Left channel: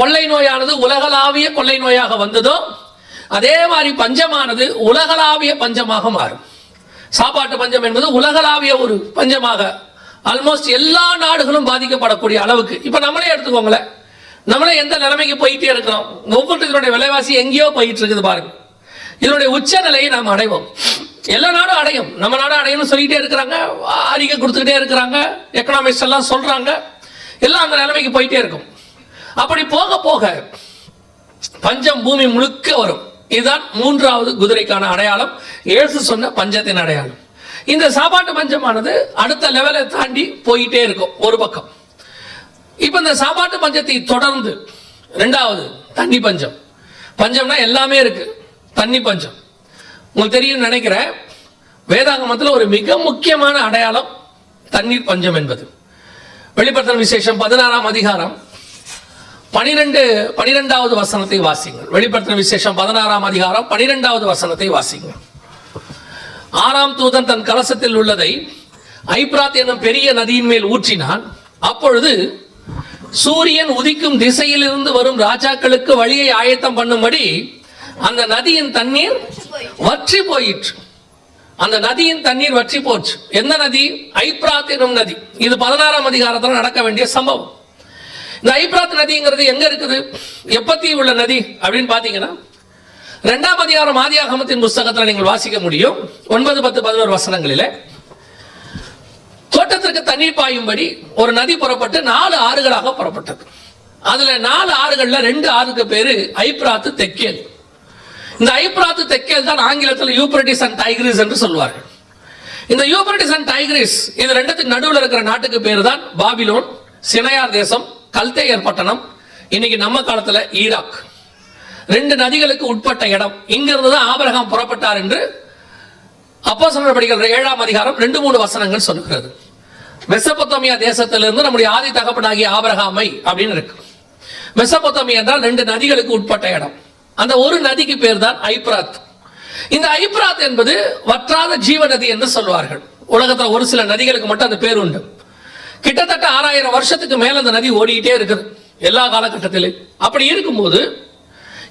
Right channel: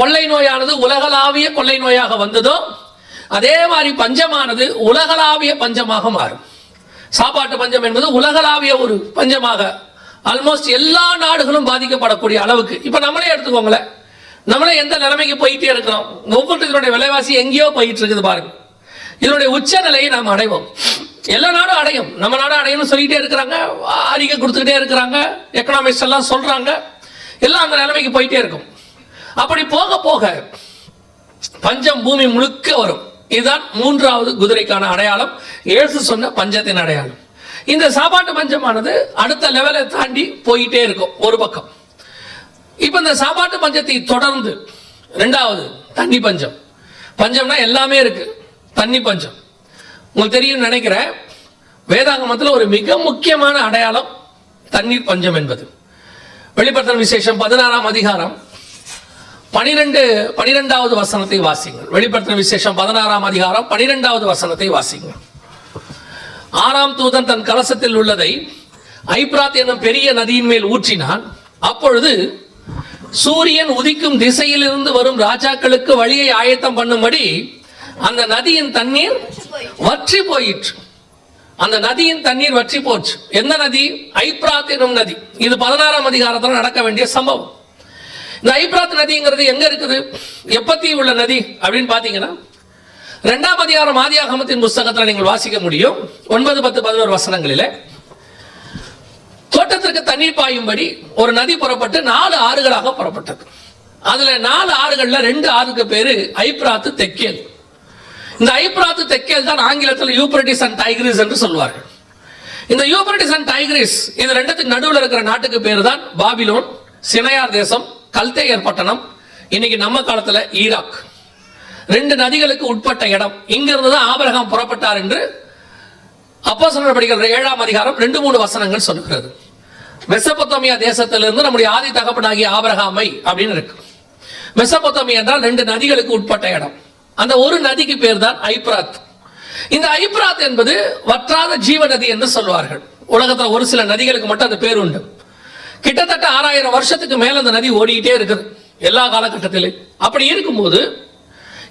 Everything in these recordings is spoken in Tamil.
கொள்ளை நோயானது உலகளாவிய கொள்ளை நோயாக வந்ததோ அதே மாதிரி பஞ்சமானது உலகளாவிய பஞ்சமாக மாறும். சாப்பாட்டு பஞ்சம் என்பது உலகளாவிய ஒரு பஞ்சமாக ஆல்மோஸ்ட் எல்லா நாடுகளும் பாதிக்கப்படக்கூடிய அளவுக்கு. இப்ப நம்மளே எடுத்துக்கோங்களேன், நம்மளே எந்த நிலைமைக்கு போயிட்டே இருக்கிறோம். ஒவ்வொருத்தருடைய விலைவாசி எங்கேயோ போயிட்டு இருக்குது பாருங்க. இதனுடைய உச்ச நிலையை நாம் அடைவோம். எல்லா நாடும் அடையும், நம்ம நாடும் அடையும் சொல்லிட்டே இருக்கிறாங்க, அறிக்கை கொடுத்துக்கிட்டே இருக்கிறாங்க, எக்கனாமிக்ஸ் எல்லாம் சொல்றாங்க, எல்லாம் அந்த நிலைமைக்கு போயிட்டே இருக்கும். அப்படி போக போக பஞ்சம் பூமி முழுக்க வரும். இதுதான் மூன்றாவது குதிரைக்கான அடையாளம், இயேசு சொன்ன பஞ்சத்தின் அடையாளம். இந்த சாப்பாட்டு பஞ்சமானது அடுத்த லெவலை தாண்டி போயிட்டே இருக்கும் ஒரு பக்கம். இப்ப இந்த சாப்பாட்டு பஞ்சத்தை தொடர்ந்து இரண்டாவது தண்ணி பஞ்சம். பஞ்சம்னா எல்லாமே இருக்கு, தண்ணி பஞ்சம் உங்களுக்கு தெரியும் நினைக்கிறேன். வேதாகமத்தில் ஒரு மிக முக்கியமான அடையாளம் தண்ணீர் பஞ்சம் என்பது. வெளிப்படுத்தல் விசேஷம் 16ஆம் அதிகாரம் 12வது வசனத்தை வாசிங்கள். வெளிப்படுத்தல் விசேஷம் 16ஆம் அதிகாரம் 12வது வசனத்தை வாசிங்கள். 6ஆம் தூதன் தன் கலசத்தில் உள்ளதை ஐப்ராத் என்னும் பெரிய நதியின் மேல் ஊற்றினான். அப்பொழுது சூரியன் உதிக்கும் திசையிலிருந்து வரும் ராஜாக்களுக்கு வழியை ஆயத்தம் பண்ணும்படி அந்த நதியின் தண்ணீர் வற்றி போயிற்று. அந்த நதியின் தண்ணீர் வற்றி போச்சு. எந்த நதி? ஐப்ராத் எனும் நதி. இது 16ஆம் அதிகாரத்தில் நடக்க வேண்டிய சம்பவம். இந்த ஐப்ராத் நதிங்கிறது எங்க இருக்குது, எப்பத்தி உள்ள நதி அப்படின்னு பாத்தீங்கன்னா 2ஆம் அதிகாரம் ஆதியாகமத்தின் புஸ்தகத்தில் நீங்கள் வாசிக்க முடியும். 9, 10, 11 வசனங்களிலே தோட்டத்திற்கு தண்ணீர் பாயும்படி ஒரு நதி புறப்பட்டு 4 ஆறுகளாக புறப்பட்டது. அதுல 4 ஆறுகள்ல 2 ஆறுக்கு பேரு ஐப்ராத்து தெக்கேல். இந்த ஐப்ராத்து தெக்கேல் தான் ஆங்கிலத்தில் யூப்ரட்டிஸ் அண்ட் டைக்ரிஸ் என்று சொல்வார்கள். இந்த யூப்ரட்டிஸ் அண்ட் டைக்ரிஸ் இது ரெண்டுத்துக்கு நடுவில் இருக்கிற நாட்டுக்கு பேரு தான் பாபிலோன், சினையார் தேசம், கல்தேயர் பட்டணம், இன்னைக்கு நம்ம காலத்துல ஈராக். 2 நதிகளுக்கு உட்பட்ட இடம். இங்கிருந்து தான் ஆபிரகாம் புறப்பட்டார் என்று அப்போஸ்தலர் படிக்கிற 7ஆம் அதிகாரம் 2-3 வசனங்கள் சொல்லுகிறது. மெசபொத்தோமியா தேசத்திலிருந்து நம்முடைய ஆதி தகப்பனாகிய ஆபிரகாமை அப்படின்னு இருக்கு. மெசபொத்தோமியா என்றால் 2 நதிகளுக்கு உட்பட்ட இடம். அந்த ஒரு நதிக்கு பேர் தான் ஐப்ராத். இந்த ஐப்ராத் என்பது வற்றாத ஜீவ நதி என்று சொல்வார்கள். உலகத்தில் ஒரு சில நதிகளுக்கு மட்டும் அந்த பேர் உண்டு. கிட்டத்தட்ட 6000 வருஷத்துக்கு மேல அந்த நதி ஓடிக்கிட்டே இருக்குது எல்லா காலகட்டத்திலும். அப்படி இருக்கும்போது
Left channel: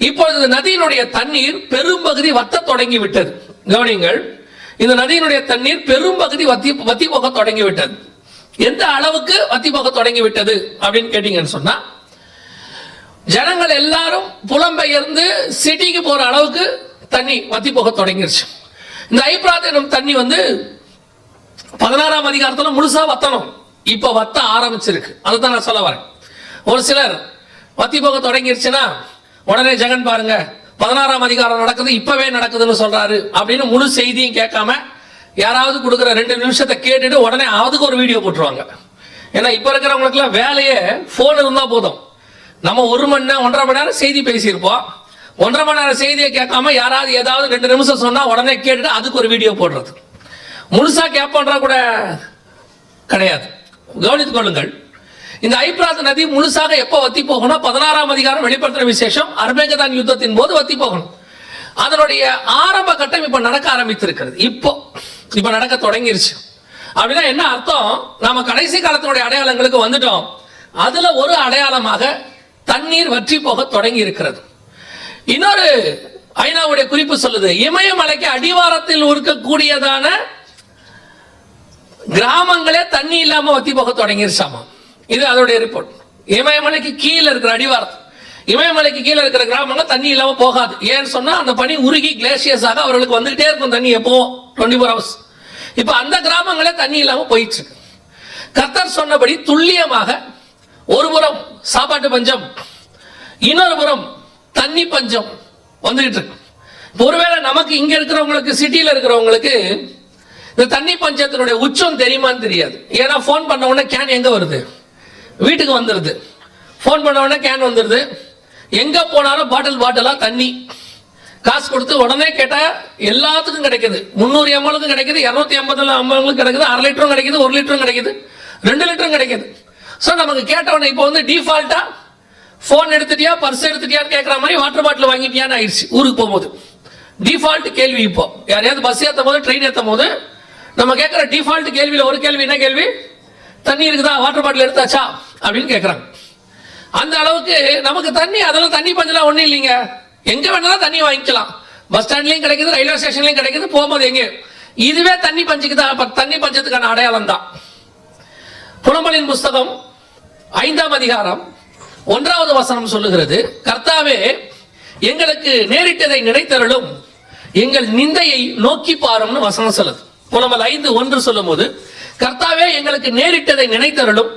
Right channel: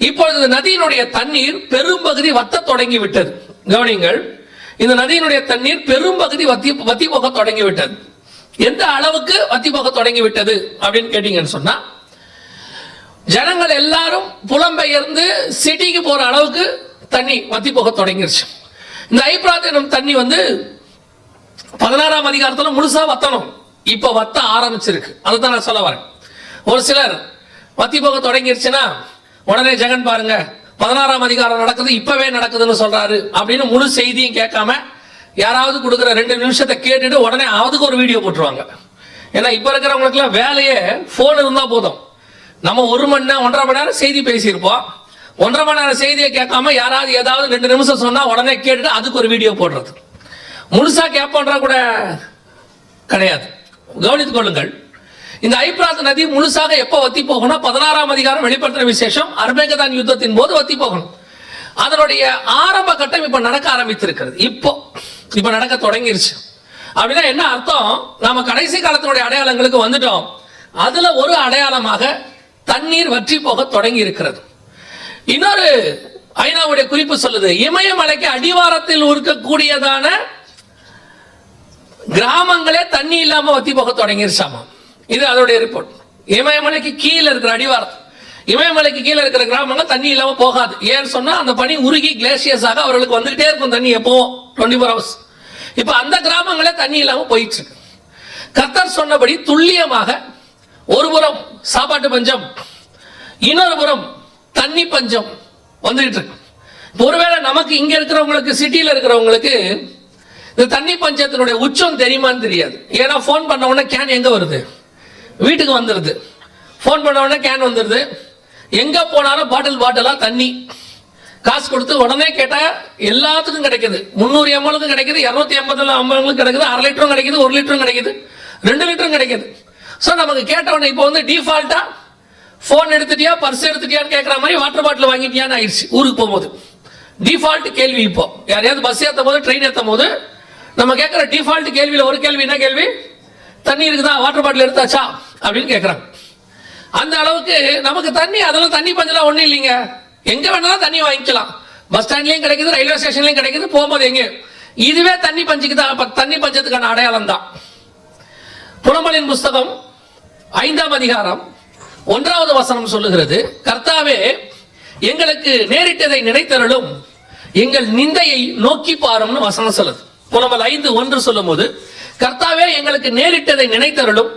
இப்பொழுது இந்த நதியினுடைய தண்ணீர் பெரும்பகுதி வத்த தொடங்கி விட்டது. கவனிங்கள், இந்த நதியினுடைய தண்ணீர் பெரும்பகுதி வத்தி போக தொடங்கி விட்டது. எந்த அளவுக்கு வத்தி போக தொடங்கி விட்டது அப்படின்னு கேட்டீங்கன்னு சொன்னா, ஜனங்கள் எல்லாரும் புலம்பெயர்ந்து சிட்டிக்கு போற அளவுக்கு தண்ணி வத்தி போக தொடங்கிருச்சு. இந்த ஐப்ராத் எனும் தண்ணி 16ஆம் அதிகாரத்துல முழுசா வத்தணும், இப்ப வத்த ஆரம்பிச்சிருக்கு. அதுதான் நான் சொல்ல வரேன். ஒரு சிலர் வத்தி போக தொடங்கிருச்சுன்னா உடனே ஜெகன் பாருங்க 16ஆம் அதிகாரம் நடக்குது, இப்பவே நடக்குதுன்னு சொல்றாரு அப்படின்னு முழு செய்தியும் கேட்காம யாராவது கொடுக்குற 2 நிமிஷத்தை கேட்டுட்டு உடனே அதுக்கு ஒரு வீடியோ போட்டுருவாங்க. ஏன்னா இப்ப இருக்கிறவங்களுக்கு எல்லாம் வேலையே போன் இருந்தா போதும். நம்ம 1 மணி நேரம் 1.5 மணி நேரம் செய்தி பேசியிருப்போம். 1.5 மணி நேரம் செய்தியை கேட்காம யாராவது ஏதாவது 2 நிமிஷம் சொன்னா உடனே கேட்டுட்டு அதுக்கு ஒரு வீடியோ போடுறது. முழுசா கேட்போன்றா கூட கிடையாது. கவனித்துக் கொள்ளுங்கள், இந்த ஐப்ராத் நதி முழுசாக எப்ப வத்தி போகணும்? 16ஆம் அதிகாரம் வெளிப்படுத்தின விசேஷம் அர்மேகதான் யுத்தத்தின் போது வத்தி போகணும். அதனுடைய ஆரம்ப கட்டம் இப்ப நடக்க ஆரம்பித்திருக்கிறது. இப்ப நடக்க தொடங்கிருச்சு. அப்படின்னா என்ன அர்த்தம்? நாம கடைசி காலத்தினுடைய அடையாளங்களுக்கு வந்துட்டோம். அதுல ஒரு அடையாளமாக தண்ணீர் வற்றி போக தொடங்கி இருக்கிறது. இன்னொரு ஐநாவுடைய குறிப்பு சொல்லுது, இமயமலைக்கு அடிவாரத்தில் இருக்கக்கூடியதான கிராமங்களே தண்ணி இல்லாம வத்தி போக தொடங்கிருச்சாமா. இது அதோடைய ரிப்போர்ட். இமயமலைக்கு கீழே இருக்கிற அடிவாரம், இமயமலைக்கு கீழே இருக்கிற கிராமங்கள் தண்ணி இல்லாம போகாது. ஏன்னு சொன்னா அந்த பனி உருகி கிளேசியஸாக அவர்களுக்கு வந்துகிட்டே இருக்கும் தண்ணி எப்போ 24 hours. இப்ப அந்த கிராமங்களே தண்ணி இல்லாம போயிட்டு இருக்கு. கர்த்தர் சொன்னபடி துல்லியமாக ஒருபுறம் சாப்பாட்டு பஞ்சம், இன்னொரு புறம் தண்ணி பஞ்சம் வந்துகிட்டு இருக்கு. ஒருவேளை நமக்கு இங்க இருக்கிறவங்களுக்கு, சிட்டியில இருக்கிறவங்களுக்கு இந்த தண்ணி பஞ்சத்தினுடைய உச்சம் தெரியுமான்னு தெரியாது. ஏன்னா போன் பண்ண உடனே கேன் எங்க வருது? வீட்டுக்கு வந்துருது. போன் பண்ண உடனே கேன் வந்துருது. எங்க போனாலும் பாட்டிலா தண்ணி காசு கொடுத்து உடனே கேட்டா எல்லாத்துக்கும் கிடைக்குது. 300 ml கிடைக்குது, 250 ml கிடைக்குது, 1/2 லிட்டரும் கிடைக்குது, 1 லிட்டரும் கிடைக்குது, 2 லிட்டரும் கிடைக்குது. சோ நமக்கு கேட்ட உடனே இப்போ டிஃபால்ட்டா போன் எடுத்துட்டியா, பர்ஸ் எடுத்துட்டியான்னு கேட்கற மாதிரி வாட்டர் பாட்டில் வாங்கிட்டியான்னு ஆயிடுச்சு. ஊருக்கு போகும்போது டிஃபால்ட் கேள்வி. இப்போ யாரையாவது பஸ் ஏற்றும் போது, ட்ரெயின் ஏற்றும் போது நம்ம கேட்கிற டிஃபால்ட் கேள்வியில ஒரு கேள்வி என்ன கேள்வி? தண்ணி இருக்குதா, வாட்டர் பாட்டில் எடுத்தாச்சா அப்படின்னு கேட்கறாங்க. அந்த அளவுக்கு நமக்கு தண்ணி, அதெல்லாம் தண்ணி பஞ்சம்லாம் ஒண்ணும் இல்லைங்க. எங்க வேணாலும் தண்ணி வாங்கிக்கலாம். பஸ் ஸ்டாண்ட்லயும் கிடைக்குது, ரயில்வே ஸ்டேஷன்லயும் கிடைக்குது, போகும்போது எங்க. இதுவே தண்ணி பஞ்சத்துக்கான அடையாளம் தான். புலம்பலின் புஸ்தகம் 5ஆம் அதிகாரம் 1வது வசனம் சொல்லுகிறது, கர்த்தாவே எங்களுக்கு நேரிட்டதை நினைத்தருளும், எங்கள் நிந்தையை நோக்கி பாரும்னு வசனம் சொல்லுது. புலம்பல் 5:1 சொல்லும் போது, கர்த்தாவே எங்களுக்கு நேரிட்டதை நினைத்தருளும்,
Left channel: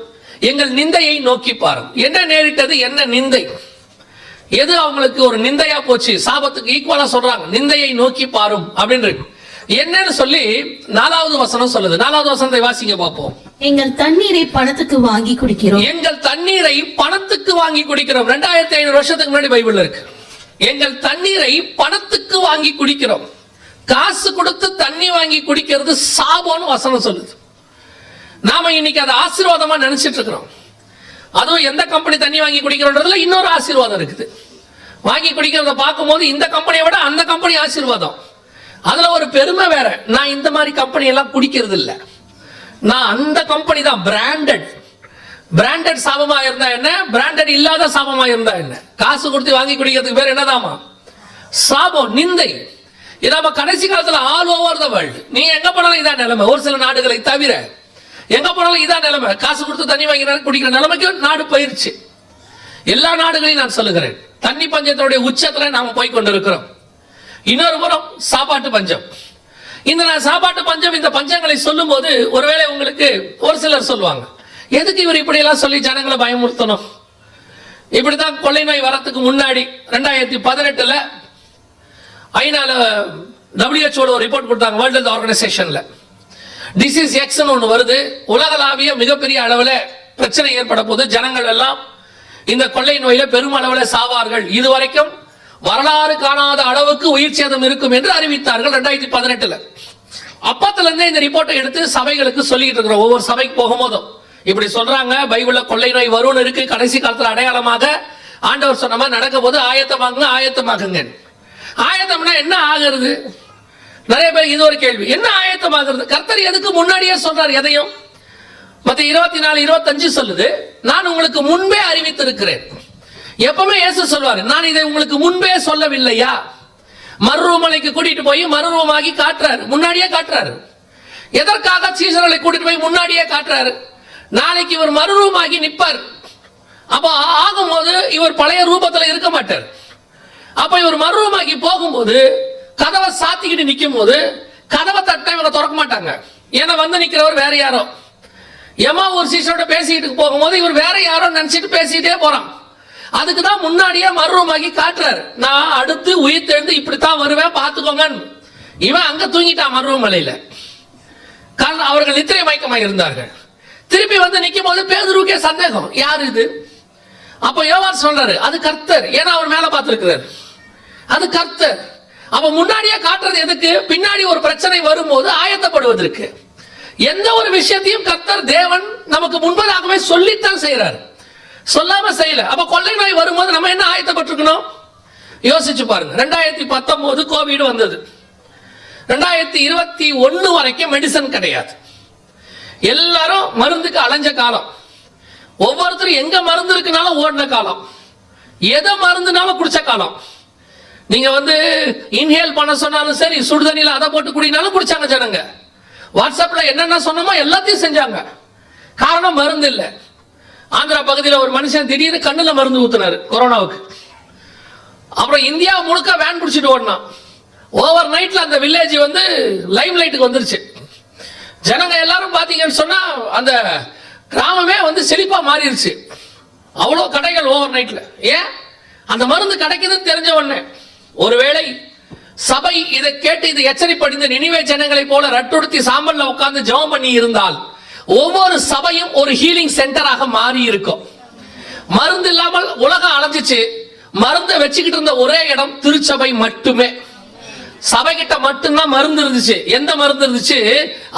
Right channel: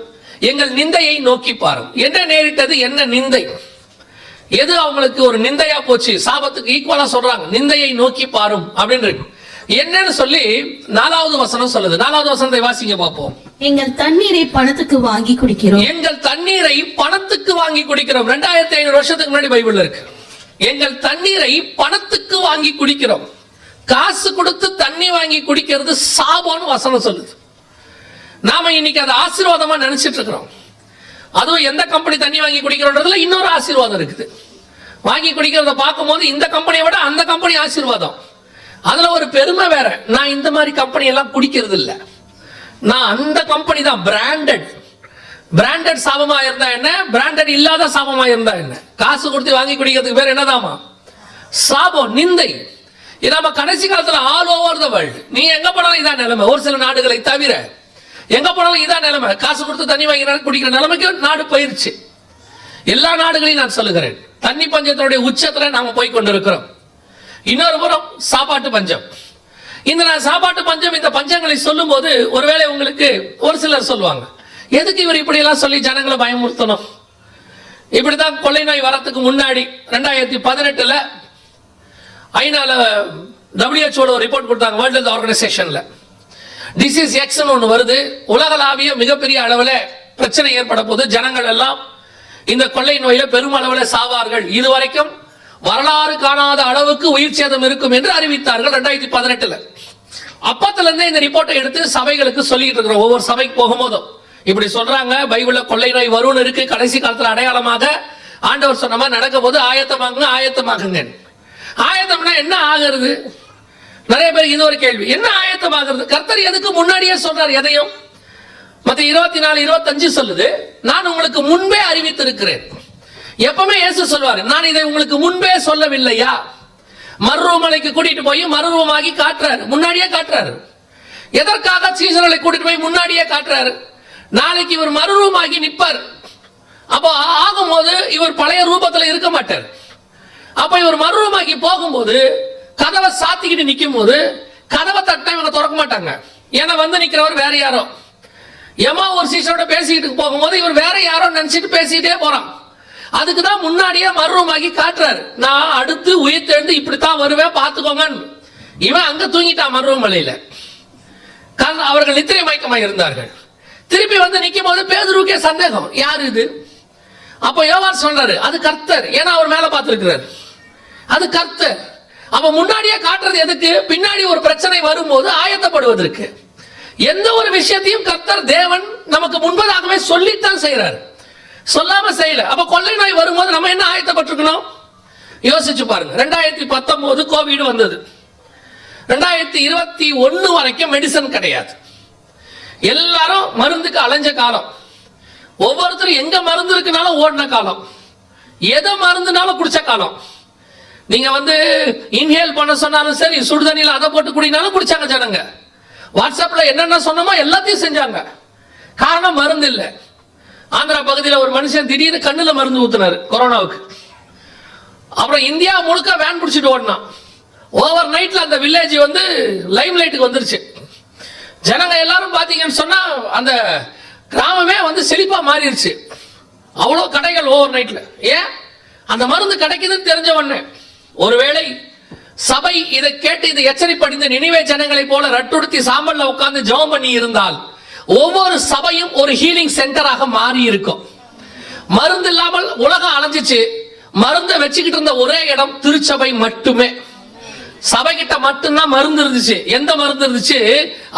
எங்கள் நிந்தையை நோக்கி பாரும். என்ன நேரிட்டது, என்ன நிந்தை, எது அவங்களுக்கு ஒரு நிந்தையா போச்சு, சாபத்துக்கு ஈக்குவலா சொல்றாங்க, நிந்தையை நோக்கி பாரும் அப்படின்னு என்னன்னு சொல்லி 4வது வசனம் சொல்லுது. 4வது வசனத்தை வாசிங்க பார்ப்போம். எங்கள் தண்ணீரை பணத்துக்கு வாங்கி குடிக்கிறோம். எங்கள் தண்ணீரை பணத்துக்கு வாங்கி குடிக்கிறோம். 2500 வருஷத்துக்கு முன்னாடி பைபிள்ல இருக்கு. எங்கள் தண்ணீரை பணத்துக்கு வாங்கி குடிக்கிறோம். காசு கொடுத்து தண்ணி வாங்கி குடிக்கிறது சாபம்னு வசனம் சொல்லுது. நாம இன்னைக்கு அதை ஆசீர்வாதமா நினைச்சிட்டு இருக்கிறோம். அதுவும் எந்த கம்பெனி தண்ணி வாங்கி குடிக்கிறோன்றதுல இன்னொரு ஆசீர்வாதம் இருக்குது. வாங்கி குடிக்கிறத பார்க்கும்போது இந்த கம்பெனியை விட அந்த கம்பெனி ஆசீர்வாதம். அதுல ஒரு பெருமை வேற. நான் இந்த மாதிரி கம்பெனி எல்லாம் குடிக்கிறது இல்ல, நான் அந்த கம்பெனி தான் பிராண்டட். பிராண்டட் சாபமா இருந்தா என்ன, பிராண்டட் இல்லாத சாபமா இருந்தா என்ன? காசு கொடுத்து வாங்கி குடிக்கிறதுக்கு பேர் என்னதாமா? சாபம், நிந்தை. இது நம்ம கடைசி காலத்துல ஆல் ஓவர் த வேர்ல்டு, நீ எங்க போனாலும் இதான் நிலைமை. ஒரு சில நாடுகளை தவிர எங்க போனாலும் இதான் நிலைமை. காசு கொடுத்து தண்ணி வாங்கி குடிக்கிற நிலைமைக்கு நாடு போயிருச்சு. எல்லா நாடுகளையும் நான் சொல்லுகிறேன், தண்ணி பஞ்சத்தினுடைய உச்சத்துல நாம போய் கொண்டிருக்கிறோம். இன்னொரு புறம் சாப்பாட்டு பஞ்சம். இந்த சாப்பாட்டு பஞ்சம், இந்த பஞ்சங்களை சொல்லும் போது ஒருவேளை உங்களுக்கு ஒரு சிலர் சொல்லுவாங்க, எதுக்கு இவர் இப்படி எல்லாம் சொல்லி ஜனங்களை பயமுறுத்தணும்? இப்படிதான் கொள்ளை நோய் வரத்துக்கு முன்னாடி 2018 ஐநால WHO ஒரு ரிப்போர்ட் கொடுத்தாங்க, வேர்ல்ட் ஹெல்த் ஆர்கனைசேஷன்ல. டிசீஸ் எக்ஸ் ஒன்று வருது, உலகளாவிய மிகப்பெரிய அளவில் பிரச்சனை ஏற்பட போது, ஜனங்கள் எல்லாம் இந்த கொள்ளை நோயில பெருமளவில் சாவார்கள், இதுவரைக்கும் வரலாறு காணாத அளவுக்கு உயிர் சேதம் இருக்கும் என்று அறிவித்தார்கள் 2018. அப்பத்துல இருந்தே இந்த ரிப்போர்ட்டை எடுத்து சபைகளுக்கு சொல்லிட்டு இருக்கிறோம். ஒவ்வொரு சபைக்கு போகும்போதும் இப்படி சொல்றாங்க, பைபிள்ல கொள்ளை நோய் வரும்னு இருக்கு, கடைசி காலத்துல அடையாளமாக ஆண்டவர் சொன்ன மாதிரி நடக்க போது ஆயத்தமாகுங்க, ஆயத்தமாகுங்க. ஆயத்தம்னா என்ன ஆகிறது? நிறைய பேர் இது ஒரு கேள்வி, என்ன ஆயத்தமாகிறது? கர்த்தர் எதுக்கு முன்னாடியே சொல்றார் எதையும்? மத்தேயு 24:25 சொல்லுது, நான் உங்களுக்கு முன்பே அறிவித்திருக்கிறேன். எப்பவுமே இயேசு சொல்வாரு, நான் இதை உங்களுக்கு முன்பே சொல்லவில்லையா? மறுரூமலைக்கு கூட்டிட்டு போய் மறுரூமாகி காட்டுறாரு, முன்னாடியே காட்டுறாரு. எதற்காக சீசர்களை கூட்டிட்டு போய் முன்னாடியே காட்டுறாரு? நாளைக்கு இவர் மறுரூமாகி நிற்பார். அப்போ ஆகும்போது இவர் பழைய ரூபத்துல இருக்க மாட்டார். அப்ப இவர் மறுரூமாகி போகும்போது கதவை சாத்திக்கிட்டு நிக்கும் போது கதவை தட்ட இவங்க திறக்க மாட்டாங்க. ஏன்னா வந்து நிக்கிறவர் வேற யாரோ. எம்மா ஒரு சீசரோட பேசிக்கிட்டு போகும்போது இவர் வேற யாரோ நினைச்சிட்டு பேசிட்டே போறான். அதுக்குதான் முன்னாடியே மறுரூமாகி காட்டுறாரு, நான் அடுத்து உயிர் தெழுந்து இப்படித்தான் வருவேன் பாத்துக்கோங்க. இவன் அங்க தூங்கிட்டான் மறுரூமலையில. அவர்கள் நித்திரை மயக்கமாக இருந்தார்கள். திருப்பி வந்து நிக்கும் போது பேதுருவுக்கே சந்தேகம், யாரு இது? அப்ப யோவான் சொல்றாரு, அது கர்த்தர். ஏன்னா அவர் மேல பார்த்திருக்கிறார், அது கர்த்தர். அப்ப முன்னாடியே காட்டுறது எதுக்கு? பின்னாடி ஒரு பிரச்சனை வரும்போது ஆயத்தப்படுவதற்கு. எந்த ஒரு விஷயத்தையும் கர்த்தர் தேவன் நமக்கு முன்பதாகவே சொல்லித்தான் செய்யறாரு, சொல்லாம செய்யல. அப்ப கொள்ளை நோய் வரும்போது நம்ம என்ன ஆயத்தப்பட்டிருக்கணும்? யோசிச்சு பாருங்க. 2019 கோவிட் வந்தது. 2021 வரைக்கும் மெடிசன் கிடையாது. எல்லாரும் மருந்துக்கு அலைஞ்ச காலம். ஒவ்வொருத்தரும் எங்க மருந்து இருக்குனாலும் ஓடின காலம், எதை மருந்துனாலும் குடிச்ச காலம். நீங்க வந்து இன்ஹேல் பண்ண சொன்னாலும் சரி, சுடுதண்ணில அதை போட்டு குடினாலும் குடிச்சாங்க ஜனங்க. வாட்ஸ்அப்ல என்னென்ன சொன்னமோ எல்லாத்தையும் செஞ்சாங்க. காரணம் மருந்து இல்லை. ஆந்திரா பகுதியில் ஒரு மனுஷன் திடீர்னு கண்ணுல மருந்து ஊத்துனாரு கொரோனாவுக்கு. அப்புறம் இந்தியா முழுக்க வேன் பிடிச்சிட்டு ஓடினான். ஓவர் நைட்ல அந்த வில்லேஜ் வந்து லைம் லைட்டுக்கு வந்துருச்சு. ஜனங்க எல்லாரும் பாத்தீங்கன்னு சொன்னா அந்த கிராமமே வந்து செழிப்பா மாறிடுச்சு. அவ்வளவு கடைகள் ஓவர் நைட்ல. ஏன்? அந்த மருந்து கிடைக்குதுன்னு தெரிஞ்ச உடனே. ஒருவேளை சபை இதை கேட்டு இதை எச்சரிப்படைந்த நினிவே ஜனங்களை போல ரட்டுடுத்தி சாம்பல்ல உட்கார்ந்து ஜெபம் பண்ணி இருந்தால் ஒவ்வொரு சபையும் ஒரு ஹீலிங் சென்டராக மாறி இருக்கும். மருந்து இல்லாமல் உலகம் அலைஞ்சிச்சு. மருந்தை வச்சுக்கிட்டு இருந்த ஒரே இடம் திருச்சபை மட்டுமே. சபை கிட்ட மட்டும்தான் மருந்து இருந்துச்சு. எந்த மருந்து இருந்துச்சு?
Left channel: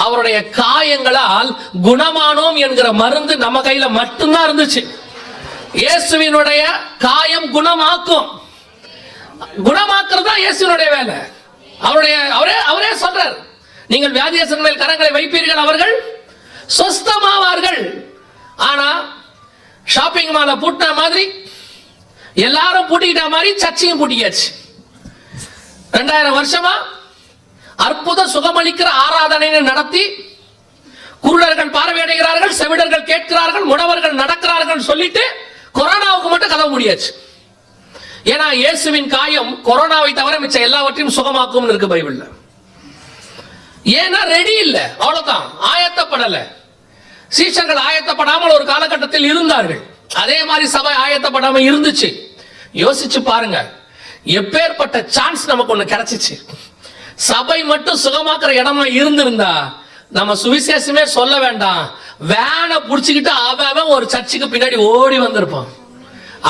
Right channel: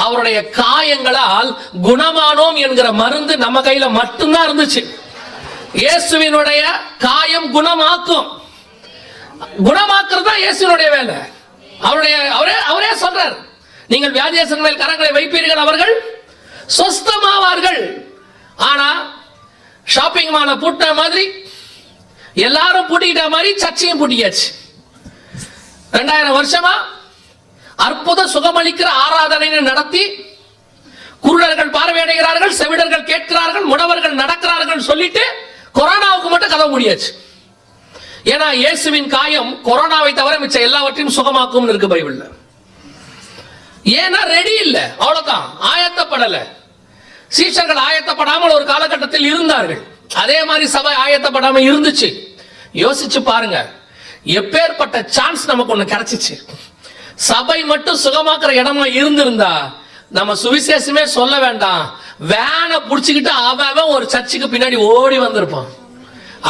அவருடைய காயங்களால் குணமானோம் என்கிற மருந்து நம்ம கையில மட்டும்தான் இருந்துச்சு. இயேசுவினுடைய காயம் குணமாக்கும். குணமாக்குறது தான் இயேசுவினுடைய வேலை. அவரே சொல்றார், நீங்கள் வியாதியஸ்தர்கள் மேல் கரங்களை வைப்பீர்கள், அவர்கள் சொஸ்தமாவார்கள். ஆனா ஷாப்பிங் மாலை பூட்டின மாதிரி, எல்லாரும் பூட்டிக்கிட்ட மாதிரி சர்ச்சையும் பூட்டியாச்சு. 2000 வருஷமா அற்புத சுகமளிக்கிற ஆராதனை நடத்தி குருடர்கள் பார்வையடைகிறார்கள், செவிடர்கள் கேட்கிறார்கள், முடவர்கள் நடக்கிறார்கள் சொல்லிட்டு கொரோனாவுக்கு மட்டும் கதவு முடியாச்சு. ஏன்னா இயேசுவின் காயம் கொரோனாவை தவிர மிச்ச எல்லாவற்றையும் சுகமாக்கும் இருக்கு பைபிள்ல. ஏன்னா ரெடி இல்ல, அவ்வளவுதான், ஆயத்தப்படல. சீஷர்கள் ஆயத்தப்படாமல் ஒரு காலகட்டத்தில் இருந்தார்கள். அதே மாதிரி சபை ஆயத்தப்படாம இருந்துச்சு. யோசிச்சு பாருங்க, எப்பேற்பட்ட சான்ஸ் நமக்கு ஒண்ணு கிடைச்சிச்சு. சபை மட்டும் சுகமாக்குற இடமா இருந்திருந்தா நம்ம சுவிசேஷமே சொல்ல வேண்டாம், வேனை புடிச்சுக்கிட்டு அவன் ஒரு சர்ச்சுக்கு பின்னாடி ஓடி வந்திருப்பான்.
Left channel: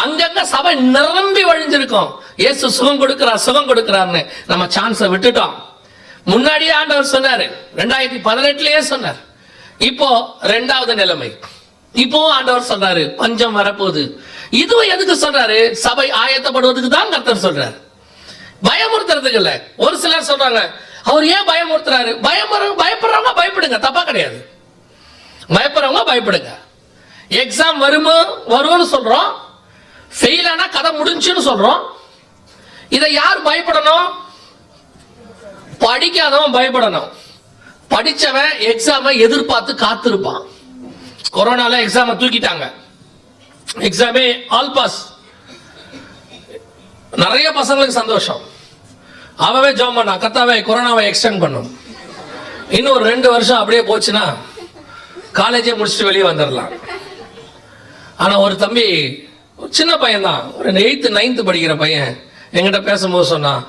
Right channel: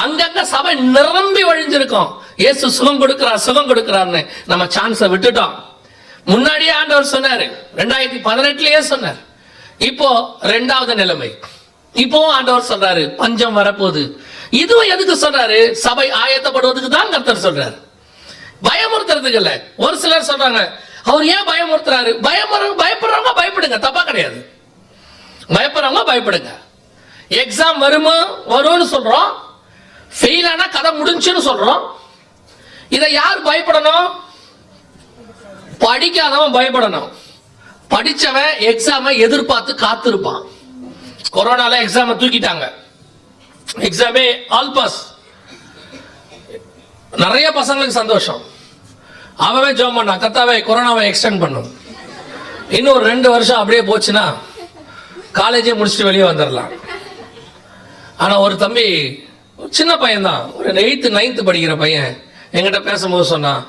அங்கங்க சபை நிரம்பி வழிஞ்சிருக்கும். இயேசு சுகம் கொடுக்கிறார், சுகம் கொடுக்கிறார்னு நம்ம சான்ஸை விட்டுட்டோம். முன்னாடியே ஆண்டவர் சொன்னாரு, 2018லயே சொன்னார். இப்போ 2வது நிலைமை. இப்போ ஆண்டவர் சொல்றாரு பஞ்சம் வரப்போகுது. இதுவும் எதுக்கு சொல்றாரு? சபை ஆயத்தப்படுவதுக்கு தான் கர்த்தர் சொல்றாரு, பயமுறுத்துறதுக்கு இல்ல. ஒரு சிலர் சொல்றாங்க, அவர் ஏன் பயமுறுத்துறாரு? பயப்படுறவங்க பயப்படுங்க, தப்பா கிடையாது. பயப்படுறவங்க பயப்படுங்க. எக்ஸாம் வரும்னு சொல்றோம், ஃபெயில் ஆனா கதை முடிஞ்சுன்னு சொல்றோம். இதை யார் பயப்படணும்? படிக்காதவன் பயப்படணும். படிச்சவன் எக்ஸாமை எதிர்பார்த்து காத்திருப்பான். கொரோனால எக்ஸாமை தூக்கிட்டாங்க, எக்ஸாமே ஆல் பாஸ். நிறைய பசங்களுக்கு சந்தோஷம். அவன் ஜாம் பண்ணா, கர்த்தாவே கொரோனாவை எக்ஸ்டெண்ட் பண்ணும், இன்னும் ஒரு 2 வருஷம் அப்படியே போச்சுன்னா காலேஜே முடிச்சுட்டு வெளியே வந்துடலாம். ஆனா ஒரு தம்பி, சின்ன பையன் தான், ஒரு 8th 9th படிக்கிற பையன், என்கிட்ட பேசும்போது சொன்னான்,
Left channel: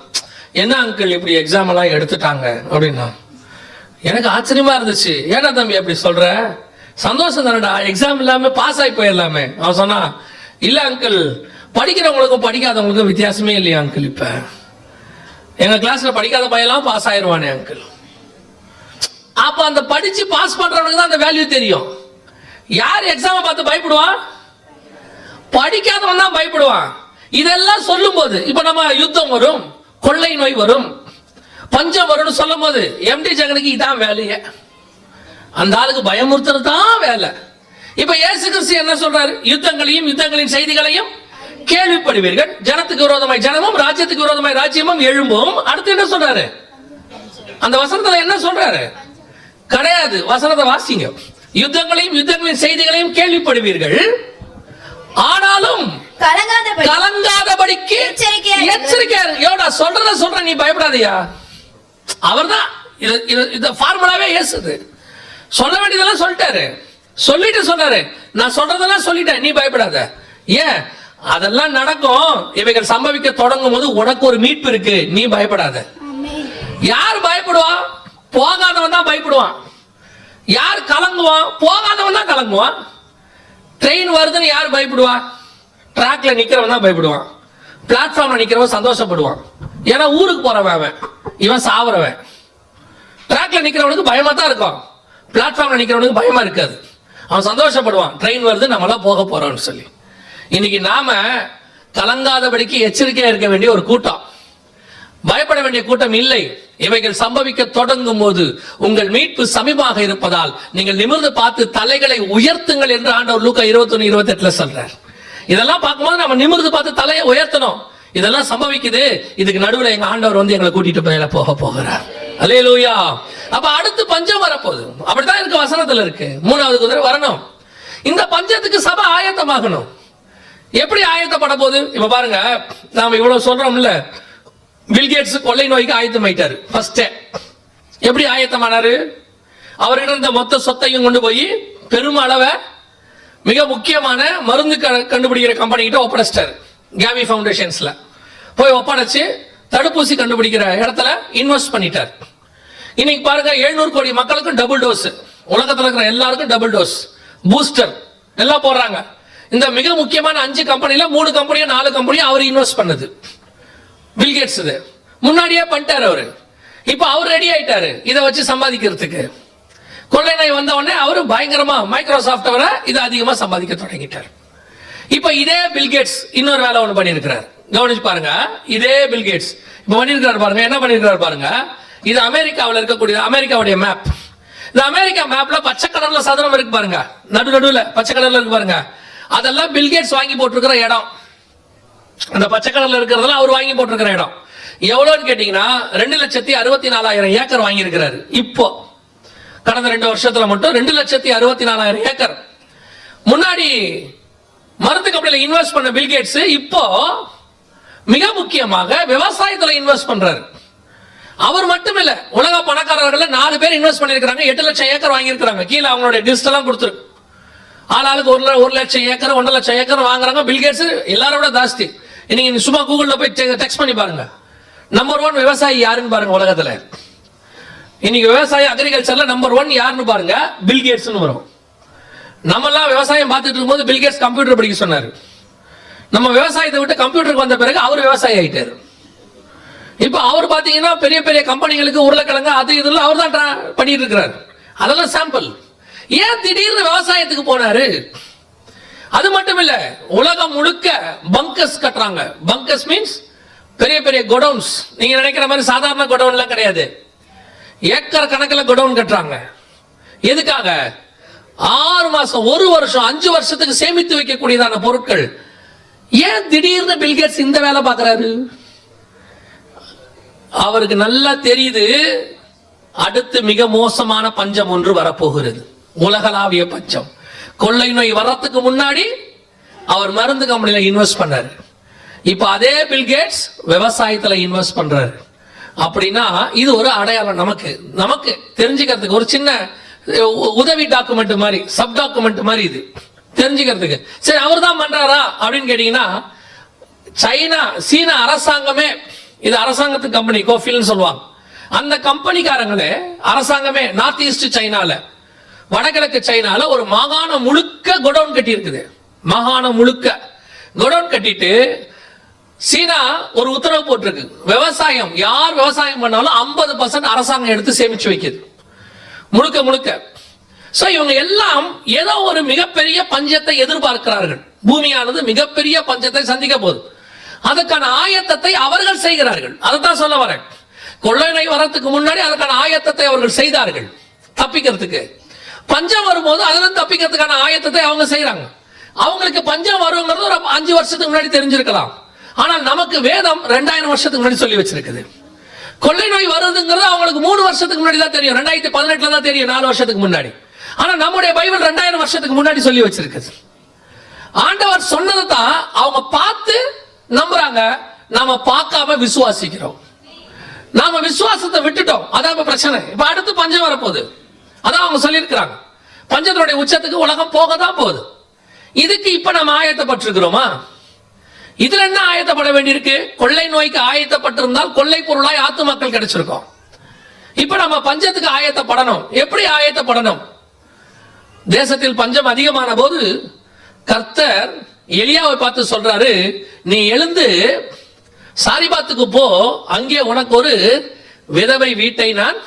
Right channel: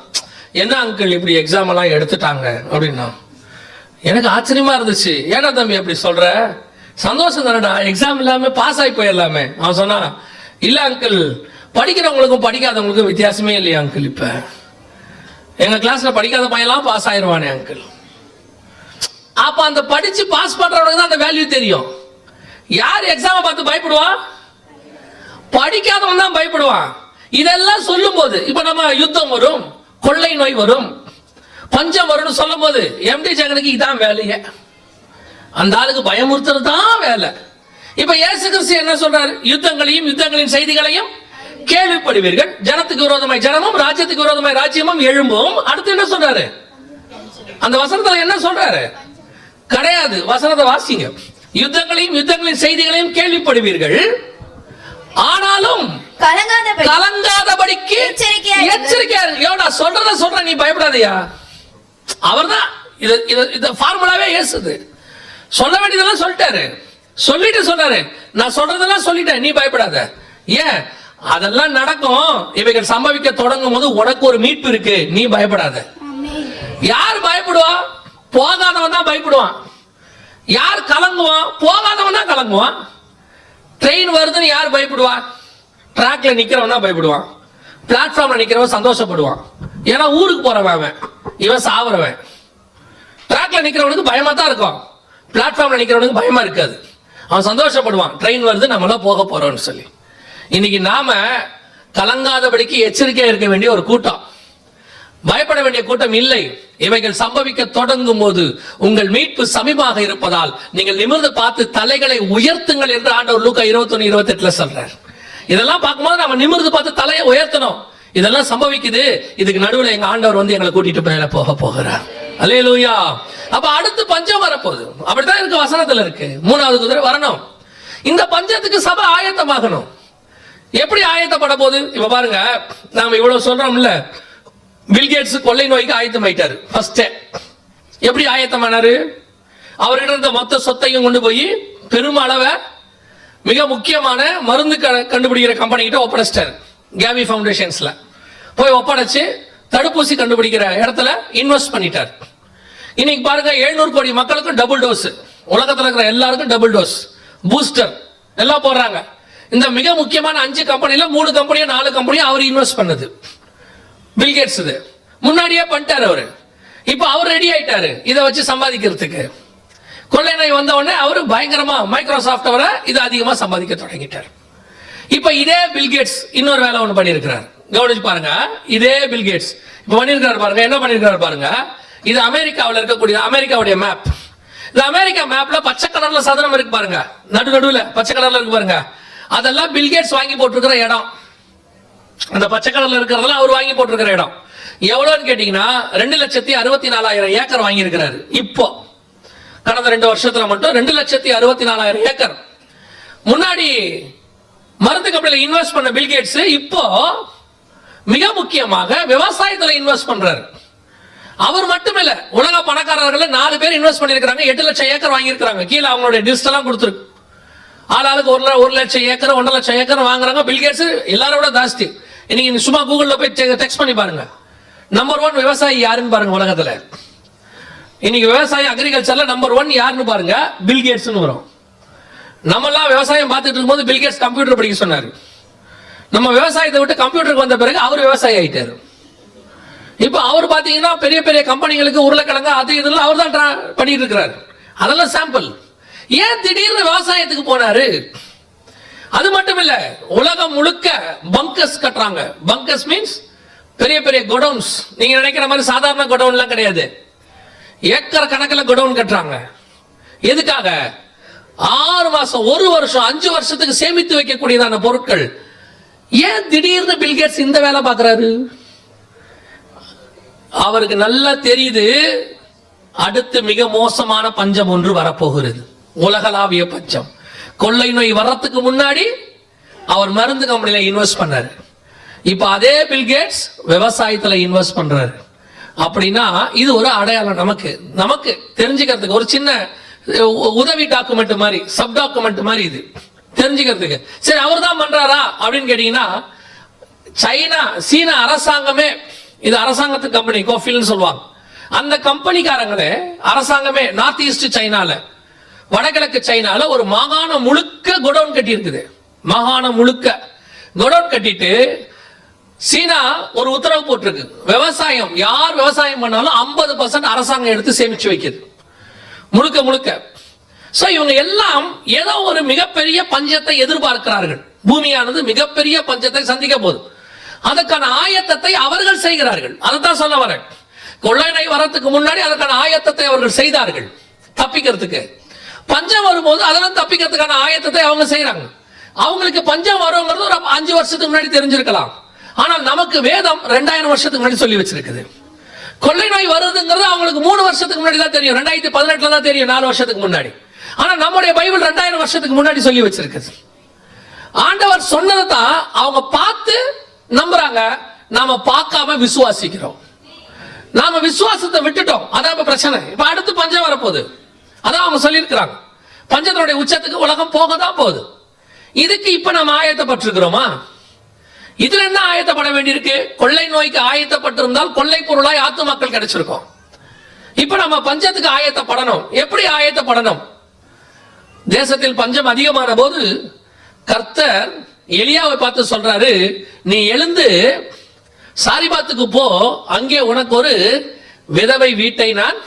என்ன அங்கிள் இப்படி எக்ஸாம் எல்லாம் எடுத்துட்டாங்க அப்படின்னா. எனக்கு ஆச்சரியமா இருந்துச்சு. ஏன்னா தம்பி அப்படி சொல்ற? சந்தோஷம் தானடா, எக்ஸாம் இல்லாம பாஸ் ஆகி போயிடலாமே. அவன் சொன்னா, இல்ல அங்கிள், படிக்கிறவங்களுக்கும் படிக்காதவங்களுக்கும் வித்தியாசமே இல்லையா அங்கிள். இப்ப எங்க கிளாஸ்ல படிக்காத பையெல்லாம் பாஸ் ஆயிடுவானே அங்கிள். அப்ப அந்த படிச்சு பாஸ் பண்றவனுக்கு தான் அந்த வேல்யூ தெரியும். யார் எக்ஸாமை பார்த்து பயப்படுவான்? படிக்காதவன் தான் பயப்படுவான். இதெல்லாம் சொல்லும் போது, இப்ப நம்ம யுத்தம் வரும், கொள்ளை நோய் வரும், பஞ்சம் வரும்னு சொல்லும் போது எம்டி ஜெகனுக்கு இதான் வேலையே. அந்த ஆளுக்கு பயமுறுத்துறது தான் வேலை. இப்ப இயேசு கிறிஸ்து என்ன சொல்றாரு? யுத்தங்களையும் யுத்தங்களின் செய்திகளையும் கேள்விப்படுவீர்கள், ஜனத்துக்கு விரோதமாய் ஜனமும் ராஜ்யத்துக்கு விரோதமாய் ராஜ்யமும் எழும்பும். அடுத்து என்ன சொல்றாரு? அந்த வசனத்துல என்ன சொல்றாரு? கிடையாது, வசனத்தை வாசிங்க. யுத்தங்களையும் யுத்தங்களின் செய்திகளையும் கேள்விப்படுவீர்கள், ஆனாலும் கலங்காதபடிக்கு எச்சரிக்கையா இருங்க. சொல்றேன், நீ பயப்படாதயா. அவர்தான் இது ஃபார்முலாவே இயேசுது. சொல்ல வேண்டியதெல்லாம் சொல்லிட்டாரு, சொல்லிட்டு சொன்னாரு, நான் சொல்றதெல்லாம் சொல்லிட்டேன், நீ பயப்படாத. ஏன்? அதெல்லாம் நடக்கும். இவைகள் சம்பவிக்க தொடங்கும் போது உனக்கு ஒரு மீட்பு இருக்கு, நீ பயப்படாத. யார் பயப்படுவா? போகாதவன் தான் பயப்படுவான். யார் கலங்குவான்? போகாதவன் தான் கலங்குவான். ட்ரெயின் வருதுன்னு யார் பயப்படுவா? ட்ராக்ல நிக்கிறவன் தான் பயப்படுவான். பிளாட்ஃபார்ம்ல நிக்கிறவன் சந்தோஷப்படுவான். ஏன்னா ஊருக்கு போறவன் அவன், இவன் சாவறவன். ட்ராக்ல நிக்கிறவனுக்கு பயமா தான் இருக்கும், பிளாட்ஃபார்ம்ல நிக்கிறவனுக்கு பயமா இருக்காது. அவன் சந்தோஷப்படுவான், ட்ரெயின் வருது, நம்மளாம் போக போறோம்னு சொல்லி. இன்னைக்கு நாம கலங்காதபடிக்கு எச்சரிக்கையா இருக்க வேண்டிய ஒரு கூட்டம், பயப்பட வேண்டிய கூட்டம் இல்லை. இவைகள் சம்பவிக்க தொடங்கும் போது உங்கள் மீட்பு சமீபமாக இருப்பதால் நீங்கள் நிமிர்ந்து பார்த்து தலைகளை உயர்த்துங்கள் என்று ஆண்டவர் லூக்கா 21:28 சொல்றார். இதெல்லாம் பார்க்கும்போது நம்ம நிமிர்ந்து பார்த்து தலையை உயர்த்தணும். இதெல்லாம் சம்பவிக்குது, இதுக்கு நடுவில் எங்க ஆண்டவர் வந்து எங்களை கூட்டிட்டு மேல போகிறார். அல்லேலூயா. அப்ப அடுத்து பஞ்சம் வரப்போகுது. அப்படித்தான் இருக்கு, வசனத்துல இருக்கு. 3வது குதிரை வரணும். இந்த பஞ்சத்துக்கு சபை ஆயத்தமாகணும். எப்படி ஆயத்தப்பட போகுது? இப்ப பாருங்க, நாம இவ்வளவு சொல்றோம்ல, பில்கேட்ஸ் கொள்ளை நோய்க்கு ஆயத்தமாயிட்டாரு. ஃபர்ஸ்ட் எப்படி ஆயத்தமானாரு? அவர்கிட்ட இருந்த மொத்த சொத்தையும் கொண்டு போய் பெருமளவை மிக முக்கியமான மருந்து கண்டுபிடிக்கிற கம்பெனி கிட்ட ஒப்படைச்சிட்டாரு. கேவி ஃபவுண்டேஷன்ஸ்ல போய் ஒப்படைச்சு தடுப்பூசி கண்டுபிடிக்கிற இடத்துல இன்வெஸ்ட் பண்ணிட்டார். இன்னைக்கு பாருங்க, 700 கோடி மக்களுக்கு டபுள் டோஸ், உலகத்தில் இருக்கிற எல்லாருக்கும் டபுள் டோஸ் பூஸ்டர் எல்லாம் போடுறாங்க. இந்த மிக முக்கியமான 5 கம்பெனில 3 கம்பெனியும் 4 கம்பெனியும் அவர் இன்வெஸ்ட் பண்ணது. பில்கேட்ஸ் இது முன்னாடியே பண்ணிட்டாரு அவரு. இப்ப அவர் ரெடி ஆயிட்டாரு இதை வச்சு சம்பாதிக்கிறதுக்கு. கொள்ளை நோய் வந்த உடனே அவரு பயங்கரமா மைக்ரோசாஃப்ட் வர இது அதிகமா சம்பாதிக்க தொடங்கிட்டார். இப்ப இதே பில்கேட்ஸ் இன்னொரு வேலை ஒன்று பண்ணியிருக்கிறார். கவனிச்சு பாருங்க, இதே பில்கேட்ஸ் இப்ப பண்ணியிருக்கிறார் பாருங்க. என்ன பண்ணியிருக்கிறார் பாருங்க. இது அமெரிக்காவில் இருக்கக்கூடிய அமெரிக்காவுடைய மேப். இந்த அமெரிக்கா மேப்ல பச்சை கலர்ல சதுரம் இருக்கு பாருங்க, நடுவுல பச்சை கலர்ல இருக்கு பாருங்க. அதெல்லாம் பில்கேட்ஸ் வாங்கி போட்டிருக்கிற இடம். அந்த பச்சை கலர்ல இருக்கிறதெல்லாம் அவர் வாங்கி போட்டிருக்கிற இடம். எவ்வளவுன்னு கேட்டீங்கன்னா 2,64,000 ஏக்கர் வாங்கி இருக்கிறாரு. இப்போ கடந்த 2 வருஷத்துல மட்டும் 2,64,000 ஏக்கர். முன்னாடி மருந்து கம்பெனில இன்வெஸ்ட் பண்ண பில்கேட்ஸ் இப்போ மிக முக்கியமாக விவசாயத்துல இன்வெஸ்ட் பண்றாரு. அவர் மட்டும் இல்ல, உலக பணக்காரர்கள் 4 பேர் இன்வெஸ்ட் பண்ணிருக்காங்க. 8 லட்சம் ஏக்கர் வாங்கி இருக்காங்க. கீழே அவங்களுடைய லிஸ்ட் எல்லாம் கொடுத்துருக்கு. ஆளாளுக்கு 1 லட்சம் ஏக்கர் 1.5 லட்சம் ஏக்கர் வாங்குறாங்க. பில்கேட்ஸ் எல்லாரோட ஜாஸ்தி. இன்னைக்கு சும்மா கூகுள்ல போய் டெக்ஸ்ட் பண்ணி பாருங்க. நம்பர் 1 விவசாயி யாருன்னு பாருங்க உலகத்துல. இன்னைக்கு விவசாய அக்ரிகல்ச்சர்ல நம்பர் 1 யாருன்னு பாருங்க, பில்கேட்ஸ் வரும். நம்ம எல்லாம் விவசாயம் பார்த்துட்டு இருக்கும்போது பில்கேட்ஸ் கம்ப்யூட்டர் படிக்க சொன்னாரு. நம்ம விவசாயத்தை விட்டு கம்ப்யூட்டருக்கு வந்த பிறகு அவர் விவசாயி ஆயிட்டாரு. இப்ப அவர் பாத்தீங்கன்னா பெரிய பெரிய கம்பெனிகளுக்கு உருளைக்கிழங்கு அது இதெல்லாம் அவர் தான் பண்ணிட்டு இருக்கிறார். அதெல்லாம் சாம்பிள். ஏன் திடீர்னு விவசாயத்துக்கு போனாரு? அது மட்டும் இல்ல, உலகம் முழுக்க பங்கர்ஸ் கட்டுறாங்க. பங்கர்ஸ் மீன்ஸ் பெரிய பெரிய கோடவுன்ஸ். நீங்க நினைக்கிற மாதிரி சாதாரண கோடவுன்லாம் கிடையாது. ஏக்கர் கணக்கில் கோடவுன் கட்டுறாங்க. எதுக்காக? 6 மாசம் 1 வருஷம் 5 வருஷத்துக்கு சேமித்து வைக்கக்கூடியதான பொருட்கள். ஏன் திடீர்னு பில்கேட்ஸ் இந்த வேலை பார்க்கிறாரு? அவருக்கு நல்லா தெரியுது, அடுத்து மிக மோசமான பஞ்சம் ஒன்று வரப்போகிறது. உலகளாவிய பஞ்சம். கொள்ளை நோய் வர்றதுக்கு முன்னாடி அவர் மருந்து கம்பெனில இன்வெஸ்ட் பண்ணாரு. இப்ப அதே பில்கேட்ஸ் விவசாயத்துல இன்வெஸ்ட் பண்றாரு. அப்படின்னா இது ஒரு அடையாளம். நமக்கு தெரிஞ்சுக்கிறதுக்கு ஒரு சின்ன உதவி டாக்குமெண்ட் மாதிரி, சப் டாக்குமெண்ட் மாதிரி இது தெரிஞ்சுக்கிறதுக்கு. சரி, அவர் தான் பண்றாரா அப்படின்னு கேட்டீங்கன்னா, சீனா அரசாங்கமே, இது அரசாங்கத்து கம்பெனி கோஃபில்னு சொல்லுவாங்க. அந்த கம்பெனிக்காரங்களே அரசாங்கமே நார்த் ஈஸ்ட் சைனால, வடகிழக்கு சைனால ஒரு மாகாணம் முழுக்க கோடவுன் கட்டி இருக்குது. மாகாணம் முழுக்க கோடவுன் கட்டிட்டு சீனா ஒரு உத்தரவு போட்டிருக்கு, விவசாயம் யார் விவசாயம் பண்ணாலும் 50% அரசாங்கம் எடுத்து சேமிச்சு வைக்குது முழுக்க முழுக்க. சோ இவங்க எல்லாம் ஏதோ ஒரு மிகப்பெரிய பஞ்சத்தை எதிர்பார்க்கிறார்கள். பூமியானது மிகப்பெரிய பஞ்சத்தை சந்திக்க போகுது. அதுக்கான ஆயத்தத்தை அவர்கள் செய்கிறார்கள். அதுதான் சொல்ல வரேன். கொள்ளை நோய் வரத்துக்கு முன்னாடி அதுக்கான ஆயத்தத்தை அவர்கள் செய்தார்கள் தப்பிக்கிறதுக்கு. பஞ்சம் வரும்போது அதெல்லாம் தப்பிக்கிறதுக்கான ஆயத்தத்தை அவங்க செய்யறாங்க. அவங்களுக்கு பஞ்சம் வருங்கிறது ஒரு 5 வருஷத்துக்கு முன்னாடி தெரிஞ்சிருக்கலாம். ஆனால் நமக்கு வேதம் 2000 வருஷத்துக்கு முன்னாடி சொல்லி வச்சிருக்குது. கொள்ளை நோய் வருதுங்கிறது அவங்களுக்கு 3 வருஷத்துக்கு முன்னாடி தான் தெரியும். 2018 தான் தெரியும், 4 வருஷத்துக்கு முன்னாடி. ஆனா நம்முடைய பைபிள் 2000 வருஷத்துக்கு முன்னாடி சொல்லி வச்சிருக்குது. ஆண்டவர் சொன்னதை தான் அவங்க பார்த்து நம்புறாங்க. நாம பார்க்காம விசுவாசிக்கிறோம். நாம விசுவாசத்தை விட்டுட்டோம். அதான் இப்ப பிரச்சனை. இப்ப அடுத்து பஞ்சம் வரப்போகுது. அதான் அவங்க சொல்லியிருக்கிறாங்க. பஞ்சத்தினுடைய உச்சத்துக்கு உலகம் போக தான் போகுது. இதுக்கு இப்ப நம்ம ஆயத்தப்பட்டிருக்கிறோமா? இதுல என்ன ஆயத்தப்பட வேண்டியிருக்கு? கொள்ளை நோய்க்கு ஆயத்தப்பட்டிருந்தால் கொள்ளை பொருளாய் ஆத்துமாக்கள் கிடைச்சிருக்கும். இப்ப நம்ம பஞ்சத்துக்கு ஆயத்தப்படணும். எப்படி ஆயத்தப்படணும்? தேசத்தில் பஞ்சம் அதிகமான போது கர்த்தர் எலியாவை பார்த்து சொல்றாரு, நீ எழுந்து சாரிபாத்துக்கு போ, அங்கே உனக்கு ஒரு விதவை வீட்டை நான்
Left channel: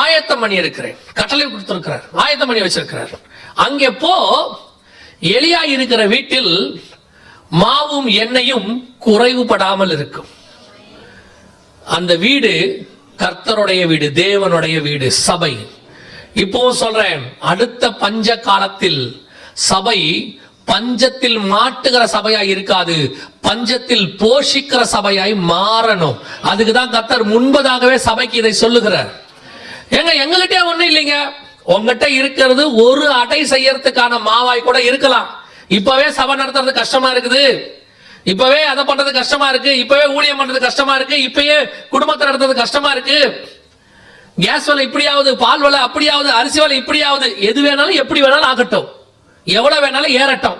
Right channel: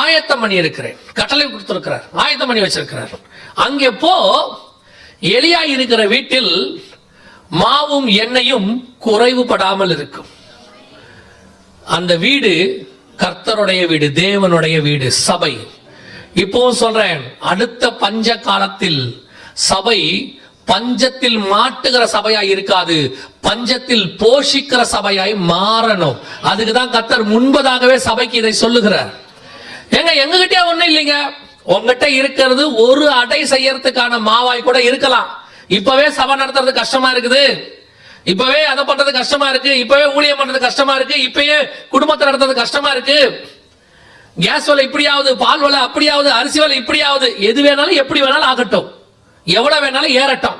ஆயத்தம் பண்ணி இருக்கிறேன். கட்டளை கொடுத்திருக்கிறார், ஆயத்தம் பண்ணி வச்சிருக்கிறார். அங்கே போ, எலியா இருக்கிற வீட்டில் மாவும் எண்ணெயும் குறைவுபடாமல் இருக்கும். அந்த வீடு கர்த்தருடைய வீடு, தேவனுடைய வீடு, சபை. இப்போ சொல்றேன், அடுத்த பஞ்ச காலத்தில் சபை பஞ்சத்தில் மாட்டுகிற சபையாய் இருக்காது, பஞ்சத்தில் போஷிக்கிற சபையாய் மாறணும். அதுக்குதான் கர்த்தர் முன்பதாகவே சபைக்கு இதை சொல்லுகிறார். எங்ககிட்ட ஒண்ணு இல்லைங்க, உங்ககிட்ட இருக்கிறது ஒரு அடை செய்யறதுக்கான மாவாய் கூட இருக்கலாம். இப்பவே சபை நடத்துறது கஷ்டமா இருக்குது, இப்பவே அதை பண்றது கஷ்டமா இருக்கு, இப்பவே ஊழியம் பண்றது கஷ்டமா இருக்கு, இப்பயே குடும்பத்தை நடத்துறது கஷ்டமா இருக்கு. கேஸ் விலை இப்படியாவது, பால் விலை அப்படியாவது, அரிசி விலை இப்படியாவது, எது வேணாலும் எப்படி வேணாலும் ஆகட்டும், எவ்வளவு வேணாலும் ஏறட்டும்.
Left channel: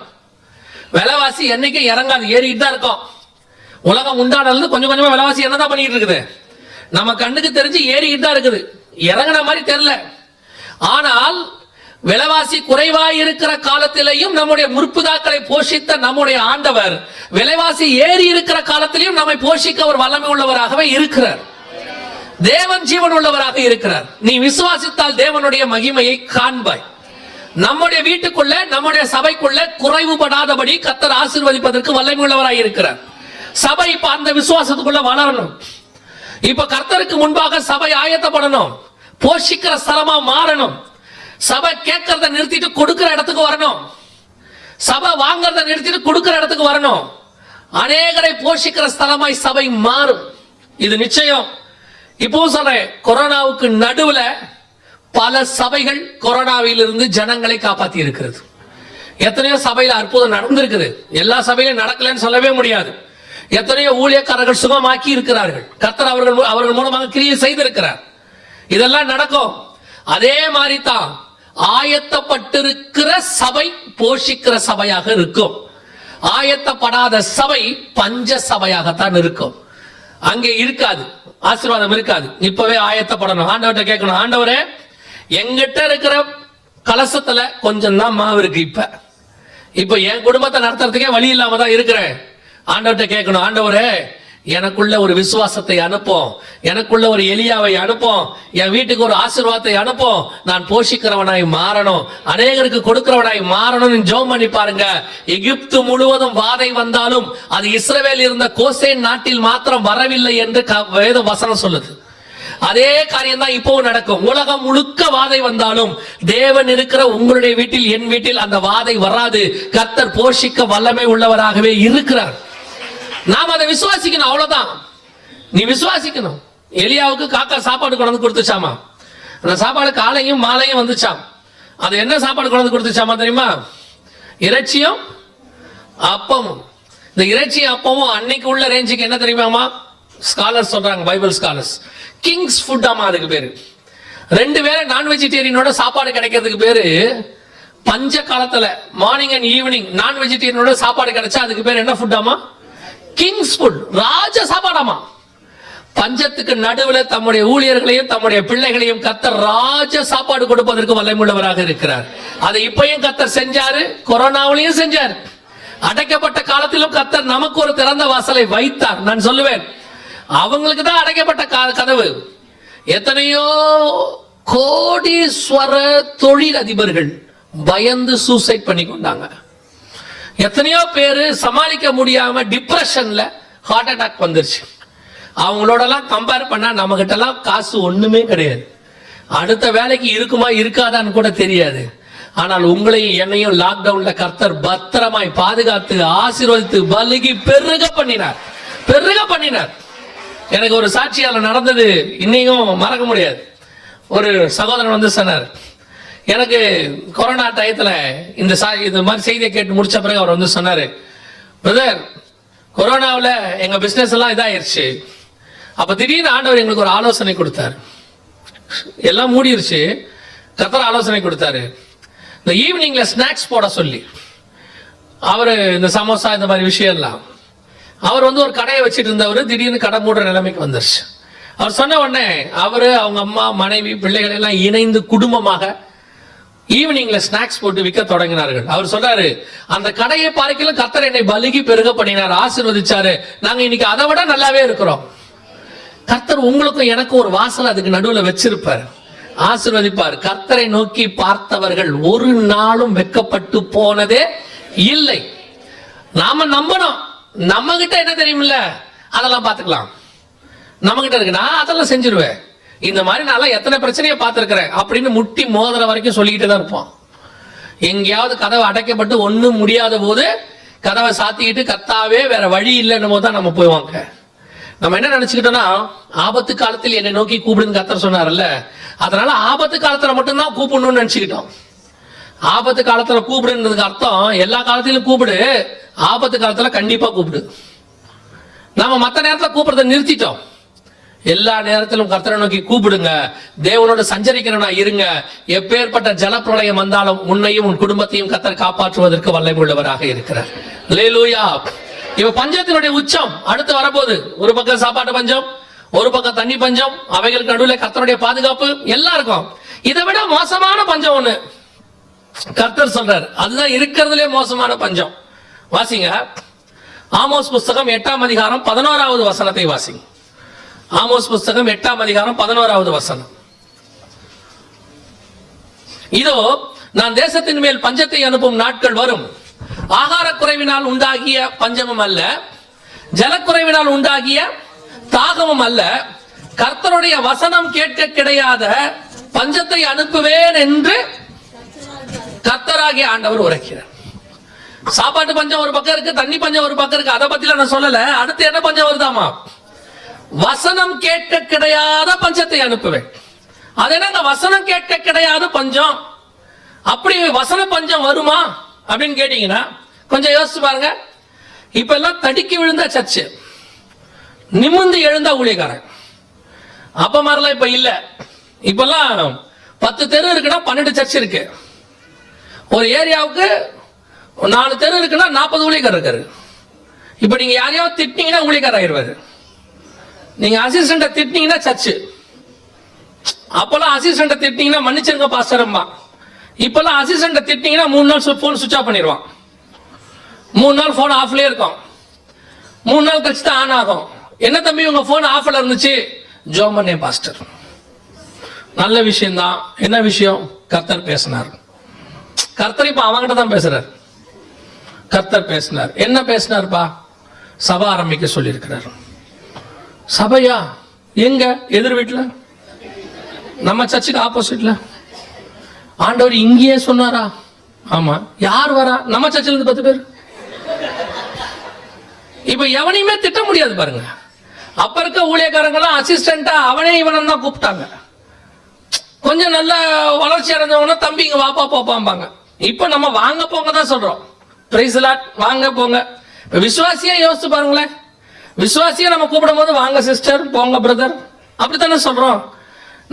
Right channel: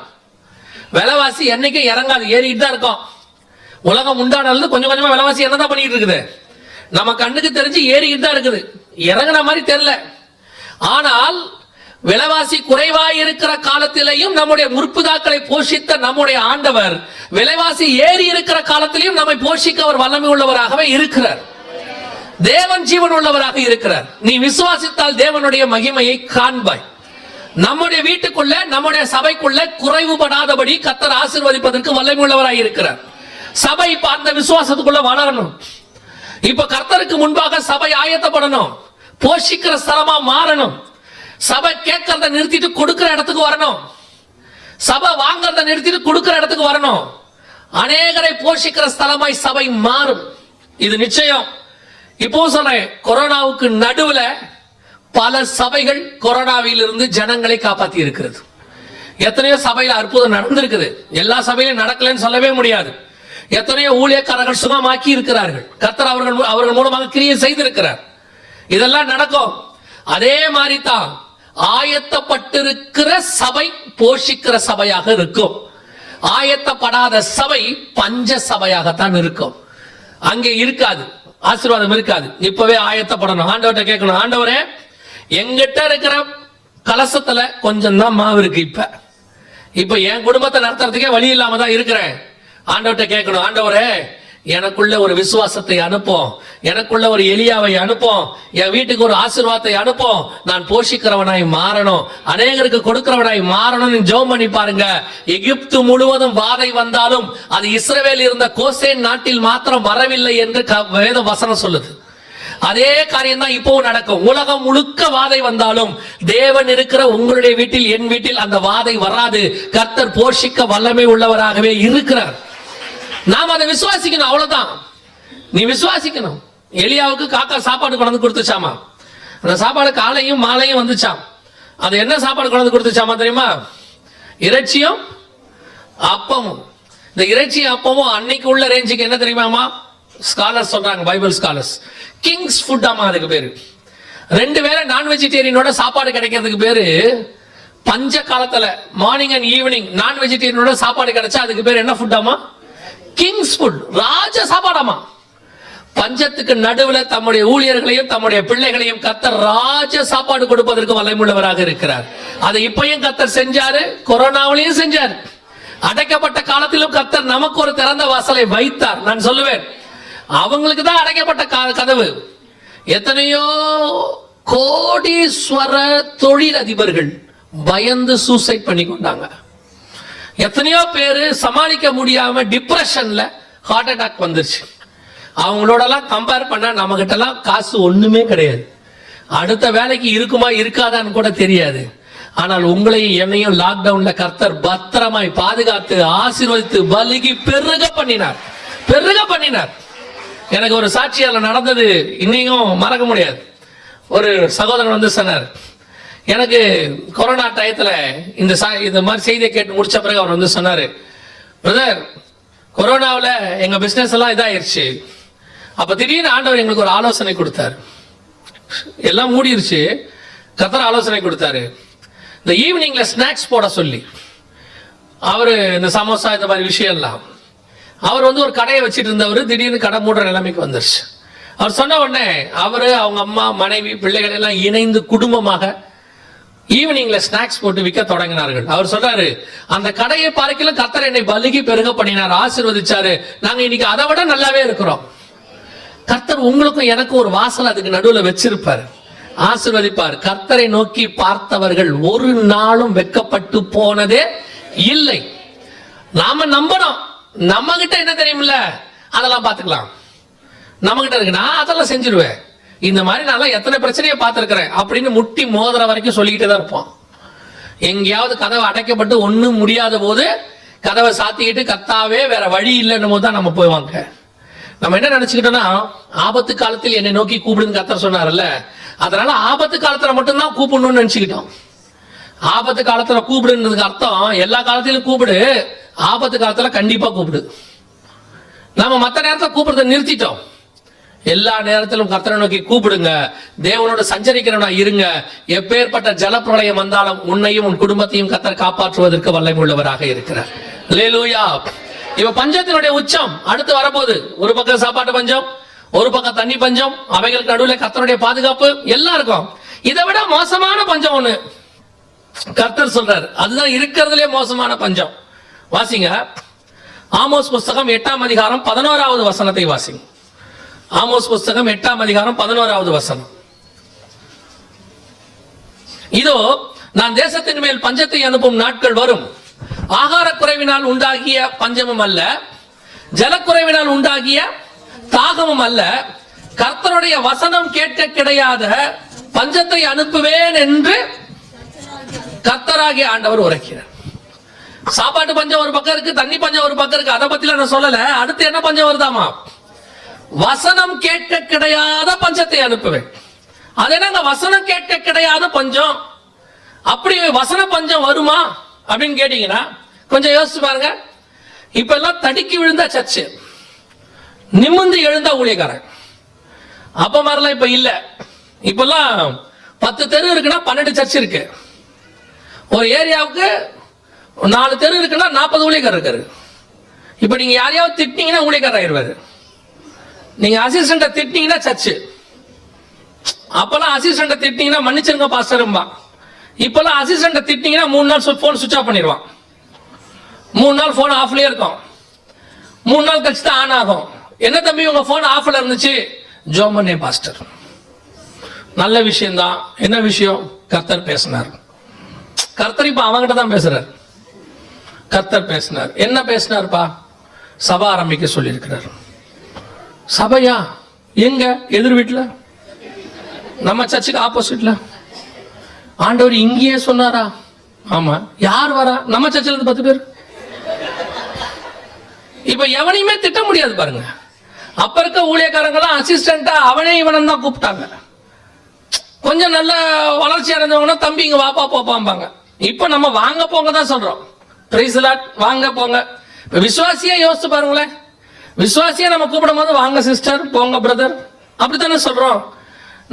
விலைவாசி என்னைக்கு இறங்காது, ஏறிட்டு தான் இருக்கும். உலகம் உண்டானது கொஞ்சம் கொஞ்சமா விலைவாசி என்னதான் பண்ணிட்டு இருக்குது, நம்ம கண்ணுக்கு தெரிஞ்சு ஏறிக்கிட்டு தான் இருக்குது, இறங்கின மாதிரி தெரியல. ஆனால் விலைவாசி குறைவாய் இருக்கிற காலத்திலேயும் நம்முடைய முற்புதாக்களை போஷித்த நம்முடைய ஆண்டவர் விலைவாசி ஏறி இருக்கிற காலத்திலையும் நம்மை போஷிக்க அவர் வல்லமை உள்ளவராகவே இருக்கிறார். தேவன் ஜீவன் உள்ளவராக இருக்கிறார். நீ விசுவாசித்தால் தேவனுடைய மகிமையை காண்பாய். நம்முடைய வீட்டுக்குள்ள, நம்முடைய சபைக்குள்ள குறைவுபடாதபடி கர்த்தர் ஆசீர்வதிப்பதற்கு வல்லமை உள்ளவராக இருக்கிறார். சபை இப்ப அந்த விசுவாசத்துக்குள்ள வளரணும். இப்ப கர்த்தருக்கு முன்பாக சபை ஆயத்தப்படணும், போஷிக்கிற ஸ்தலமா மாறணும். சபை கேட்கறத நிறுத்திட்டு கொடுக்கிற இடத்துக்கு வரணும். சபை வாங்கறத நிறுத்திட்டு கொடுக்கிற இடத்துக்கு வரணும். அநேகரை போஷிக்கிற ஸ்தலமாய் சபை மாறும். இது நிச்சயம். இப்போ சொல்றேன், கொரோனாவுக்கு நடுவுல பல சபைகள் கொரோனாவில் இருந்து ஜனங்களை காப்பாத்தி இருக்கிறது. எத்தனையோ சபையில அற்புதம் நடந்திருக்குது. எல்லா சபையிலும் நடக்கலன்னு சொல்லவே முடியாது. எத்தனையோ ஊழியக்காரர்கள் சுகமாக்கி இருக்கிறார்கள். கர்த்தர் அவர்கள் மூலமாக கிரியை செய்திருக்கிறார். இதெல்லாம் நடக்கும். அதே மாதிரி தான் ஆயத்தப்பட்டிருக்கிற சபை போஷிக்கிற சபையாக இருக்கும். ஆயத்தப்படாத சபை பஞ்ச சபையாகத்தான் இருக்கும். அங்கே இருக்காது, ஆசீர்வாதம் இருக்காது. இப்பவே ஆயத்தப்படணும். ஆண்டவர்கிட்ட கேட்கணும், ஆண்டவரே எங்கிட்ட இருக்கிற கலசத்துல கொஞ்சம் தான் மாவு இருக்கு. இப்ப என் குடும்பத்தை நடத்துறதுக்கே வழி இல்லாம தான் இருக்கிறேன். ஆண்டவர்கிட்ட கேட்கணும், ஆண்டவரே எனக்குள்ள ஒரு விசுவாசத்தை அனுப்போம், எனக்குள்ள ஒரு எலியாவை அனுப்போம், என் வீட்டுக்கு ஒரு ஆசீர்வாதத்தை அனுப்போம், நான் போஷிக்கிறவனாய் மாறணும், அநேகருக்கு கொடுக்கிறவனாய் மாறணும். ஜெபம் பண்ணி பாருங்க. எகிப்து முழுவதும் வாதை வந்தாலும் அது இஸ்ரவேல் இருந்த கோசேன் நாட்டில் மாத்திரம் வரவில்லை என்று வேத வசனம் சொல்லுது. அதே காரியம் தான் இப்பவும் நடக்கும். உலகம் முழுக்க வாதை வந்தாலும் தேவன் இருக்கிற உங்களுடைய வீட்டில், என் வீட்டில் அந்த வாதை வராது. கர்த்தர் போஷிக்க வல்லமை உள்ளவராகவே இருக்கிறார். நாம் அதை விசுவாசிக்கணும். அவ்வளவுதான். நீ விசுவாசிக்கணும். எலியாவுக்கு காக்கா சாப்பாடு கொண்டு கொடுத்துச்சாமா. அந்த சாப்பாடு காலையும் மாலையும் வந்துச்சாம். அது என்ன சாப்பாடு கொண்டு கொடுத்துச்சாமா தெரியுமா? இறைச்சியும் அப்பமும். இந்த இறைச்சியும் அப்பமும் அன்னைக்கு உள்ள ரேஞ்சுக்கு என்ன தெரியுமாமா? ஸ்காலர்ஸ் சொல்றாங்க, பைபிள் ஸ்காலர்ஸ், கிங்ஸ் ஃபுட் ஆமா அதுக்கு பேரு. 2 வேளை நான் வெஜிடேரியனோட சாப்பாடு கிடைக்கிறதுக்கு பேரு பஞ்ச காலத்துல மார்னிங் அண்ட் ஈவினிங் நான் வெஜிடேரியனோட சாப்பாடு கிடைச்சா அதுக்கு பேர் என்ன ஃபுட் ஆமா? கிங்ஸ் ஃபுட், ராஜ சாப்பாடாமா. பஞ்சத்துக்கு நடுவுல தம்முடைய ஊழியர்களையும் தம்முடைய பிள்ளைகளையும் கர்த்தர் ராஜ சாப்பாடு கொடுப்பதற்கு வல்லமையுள்ளவராக இருக்கிறார். அதை இப்பயும் கர்த்தர் செஞ்சாரு, கொரோனாவிலையும் செஞ்சாரு. அடைக்கப்பட்ட காலத்திலும் கர்த்தர் நமக்கு ஒரு திறந்த வாசலை வைத்தார். நான் சொல்லுவேன், அவங்களுக்கு தான் அடைக்கப்பட்ட கதவு. எத்தனையோ கோடீஸ்வர தொழில் அதிபர்கள் பயந்து சூசைட் பண்ணி கொண்டாங்க. எத்தனையோ பேரு சமாளிக்க முடியாம டிப்ரெஷன்ல ஹார்ட் அட்டாக் வந்துருச்சு. அவங்களோட எல்லாம் கம்பேர் பண்ணா நம்ம கிட்ட எல்லாம் காசு ஒண்ணுமே கிடையாது. அடுத்த வேலைக்கு இருக்குமா இருக்காதான்னு கூட தெரியாது. ஆனால் உங்களையும் என்னையும் லாக்டவுன்ல கர்த்தர் பத்திரமாய் பாதுகாத்து ஆசீர்வதித்து பலுகி பெருக பண்ணினார். எனக்கு ஒரு சாட்சியால நடந்தது இன்னையும் மறக்க முடியாது. ஒரு சகோதரன் வந்து சொன்னார், எனக்கு கொரோனா டயத்துல இந்த மாதிரி செய்தியை கேட்டு முடிச்ச பிறகு அவர் வந்து சொன்னாரு, பிரதர் கொரோனாவில் எங்க பிசினஸ் எல்லாம் இதாயிருச்சு. அப்ப திடீர்னு ஆண்டவர் எங்களுக்கு ஒரு ஆலோசனை கொடுத்தாரு. எல்லாம் மூடிருச்சு, கர்த்தர் ஆலோசனை கொடுத்தாரு. இந்த ஈவினிங்ல ஸ்நாக்ஸ் போட சொல்லி, அவரு இந்த சமோசா இந்த மாதிரி விஷயம் எல்லாம் அவர் வந்து ஒரு கடையை வச்சுட்டு இருந்தவர் திடீர்னு கடை மூடுற நிலைமைக்கு வந்துருச்சு. அவர் சொன்ன உடனே அவரு, அவங்க அம்மா, மனைவி, பிள்ளைகள் எல்லாம் இணைந்து குடும்பமாக ஈவினிங்ல ஸ்நாக்ஸ் போட்டு விற்க தொடங்கினார்கள். அவர் சொல்றாரு, அந்த கடையை பார்க்கலாம் கர்த்தர் என்னை பலுகி பெருக பண்ணினார், ஆசீர்வதிச்சாரு. நாங்க இன்னைக்கு அதை விட நல்லாவே இருக்கிறோம். கர்த்தர் உங்களுக்கும் எனக்கும் ஒரு வாசல் அதுக்கு நடுவுல வச்சிருப்பார், ஆசீர்வதிப்பார். கர்த்தரை நோக்கி பார்த்தவர்கள் ஒரு நாளும் வெட்கப்பட்டு போனதே இல்லை. நாம நம்பணும். நம்ம கிட்ட என்ன தெரியுமில்ல, அதெல்லாம் பாத்துக்கலாம். நம்ம கிட்ட இருக்கு, நான் அதெல்லாம் செஞ்சிருவேன். இந்த மாதிரி நான் எத்தனை பிரச்சனையை பார்த்திருக்கிறேன் அப்படின்னு முட்டி மோதிர வரைக்கும் சொல்லிக்கிட்டு தான் இருப்போம். எங்கேயாவது கதவை அடைக்கப்பட்டு ஒண்ணும் முடியாத போது கதவை சாத்திக்கிட்டு கர்த்தாவே வேற வழி இல்லைன்னு போது தான் நம்ம போய்வாங்க. நம்ம என்ன நினைச்சுக்கிட்டோம்னா, ஆபத்து காலத்தில் என்னை நோக்கி கூப்பிடுன்னு கர்த்தர் சொன்னார்ல, அதனால ஆபத்து காலத்துல மட்டும்தான் கூப்பிடணும்னு நினைச்சுக்கிட்டோம். ஆபத்து காலத்துல கூப்பிடுன்றதுக்கு அர்த்தம் எல்லா காலத்திலும் கூப்பிடு, ஆபத்து காலத்துல கண்டிப்பா கூப்பிடு. நம்ம மற்ற நேரத்துல கூப்பிடுறத நிறுத்திட்டோம். எல்லா நேரத்திலும் கர்த்தரை நோக்கி கூப்பிடுங்க, தேவனோட சஞ்சரிக்கிறவனா இருங்க. எப்பேற்பட்ட ஜலப்பிரளயம் வந்தாலும் உன்னையும் உன் குடும்பத்தையும் கர்த்தர் காப்பாற்றுவதற்கு வல்லமை உள்ளவராக இருக்கிறார். அல்லேலூயா. இப்ப பஞ்சத்தினுடைய உச்சம் அடுத்து வரப்போகுது. ஒரு பக்கம் சாப்பாட்டு பஞ்சம், ஒரு பக்கம் தண்ணி பஞ்சம், அவைகளுக்கு நடுவில் கர்த்தருடைய பாதுகாப்பு எல்லாம் இருக்கும். இதை விட மோசமான பஞ்சம் ஒண்ணு கர்த்தர் சொல்றாரு, அதுதான் இருக்கிறதுலே மோசமான பஞ்சம். வாசிங்க, ஆமோஸ் புஸ்தகம் 8ஆம் அதிகாரம் 11வது வசனத்தை வாசிங்க. ஆமோஸ் புஸ்தகம் 8ஆம் அதிகாரம் 11வது வசனம். இதோ நான் தேசத்தின் மேல் பஞ்சத்தை அனுப்பும் நாட்கள் வரும். ஆகார குறைவினால் உண்டாகிய பஞ்சமும் அல்ல, ஜலக்குறைவினால் உண்டாகிய தாகமும் அல்ல, கர்த்தருடைய வசனம் கேட்க கிடையாத பஞ்சத்தை அனுப்புவேன் என்று கர்த்தராகிய ஆண்டவர் உரைக்கிறார். சாப்பாட்டு பஞ்சம் ஒரு பக்கம் இருக்கு, தண்ணி பஞ்சம் ஒரு பக்கம் இருக்கு. அதை பத்திலாம் நான் சொல்லல. அடுத்து என்ன பஞ்சம் வருதாமா? வசனம் கேட்க கிடையாத பஞ்சத்தை அனுப்புவேன். அது என்னங்க வசனம் கேட்க கிடையாத பஞ்சம்? அப்படி வசன பஞ்சம் வருமா அப்படின்னு கேட்டீங்கன்னா கொஞ்சம் யோசிச்சு பாருங்க. இப்ப எல்லாம் தடுக்கி விழுந்த சர்ச்சு, நிமிர்ந்து எழுந்தா ஊழியக்காரன். அப்ப மாதிரிலாம் இப்ப இல்ல. இப்பெல்லாம் 10 தெரு இருக்குன்னா 12 சர்ச் இருக்கு. ஒரு ஏரியாவுக்கு 4 தெரு இருக்குன்னா 40 ஊழியக்காரர் இருக்காரு. இப்ப நீங்க யாரையாவது திட்டினீங்கன்னா ஊழியக்காரர் ஆகிடுவாரு. நீங்க அசிஸ்டண்ட திட்டினீங்கன்னா சர்ச்சு. அப்பெல்லாம் அசிஸ்டண்ட திட்டினீங்கன்னா மன்னிச்சிருங்க பாஸ்டர்மா. இப்பெல்லாம் அசிஸ்டண்ட திட்டினீங்கன்னா 3 நாள் போன் சுவிட்ச் ஆஃப் பண்ணிடுவான். 3 நாள் போன் ஆஃப்லயே இருக்கும். 3 நாள் கழிச்சு தான் ஆன் ஆகும். என்ன தம்பி உங்க போன் ஆஃப்ல இருந்துச்சு? ஜோமனே பாஸ்டர். நல்ல விஷயம் தான். என்ன விஷயம்? கர்த்தர் பேசினார். கர்த்தர் இப்ப அவங்கிட்ட தான் பேசுறார். கர்த்தர் பேசினார். என்ன பேசினார்ப்பா? சபை ஆரம்பிக்க சொல்லி இருக்கிறார். சபையா? எங்க? எதிர் வீட்டுல, நம்ம சர்ச்சுக்கு ஆப்போசிட்ல. ஆண்டவர் இங்கேயே சொன்னாரா? ஆமா. யார் வரா? நம்ம சர்ச்சில் இருந்து 10 பேர். இப்ப எவனையுமே திட்ட முடியாது பாருங்க. அப்ப இருக்க ஊழியக்காரங்களாம் அசிஸ்டண்டா அவனே இவனும் தான் கூப்பிட்டாங்க. கொஞ்சம் நல்ல வளர்ச்சி அடைஞ்சவங்கன்னா தம்பி இங்க வாப்பா போப்பாம்பாங்க. இப்ப நம்ம வாங்க போங்க தான் சொல்றோம். பிரைஸ் லார்ட், வாங்க போங்க. இப்ப விசுவாசியா யோசிச்சு பாருங்களேன். விசுவாசியா நம்ம கூப்பிடும் போது வாங்க சிஸ்டர், போங்க பிரதர், அப்படித்தானே சொல்றோம்.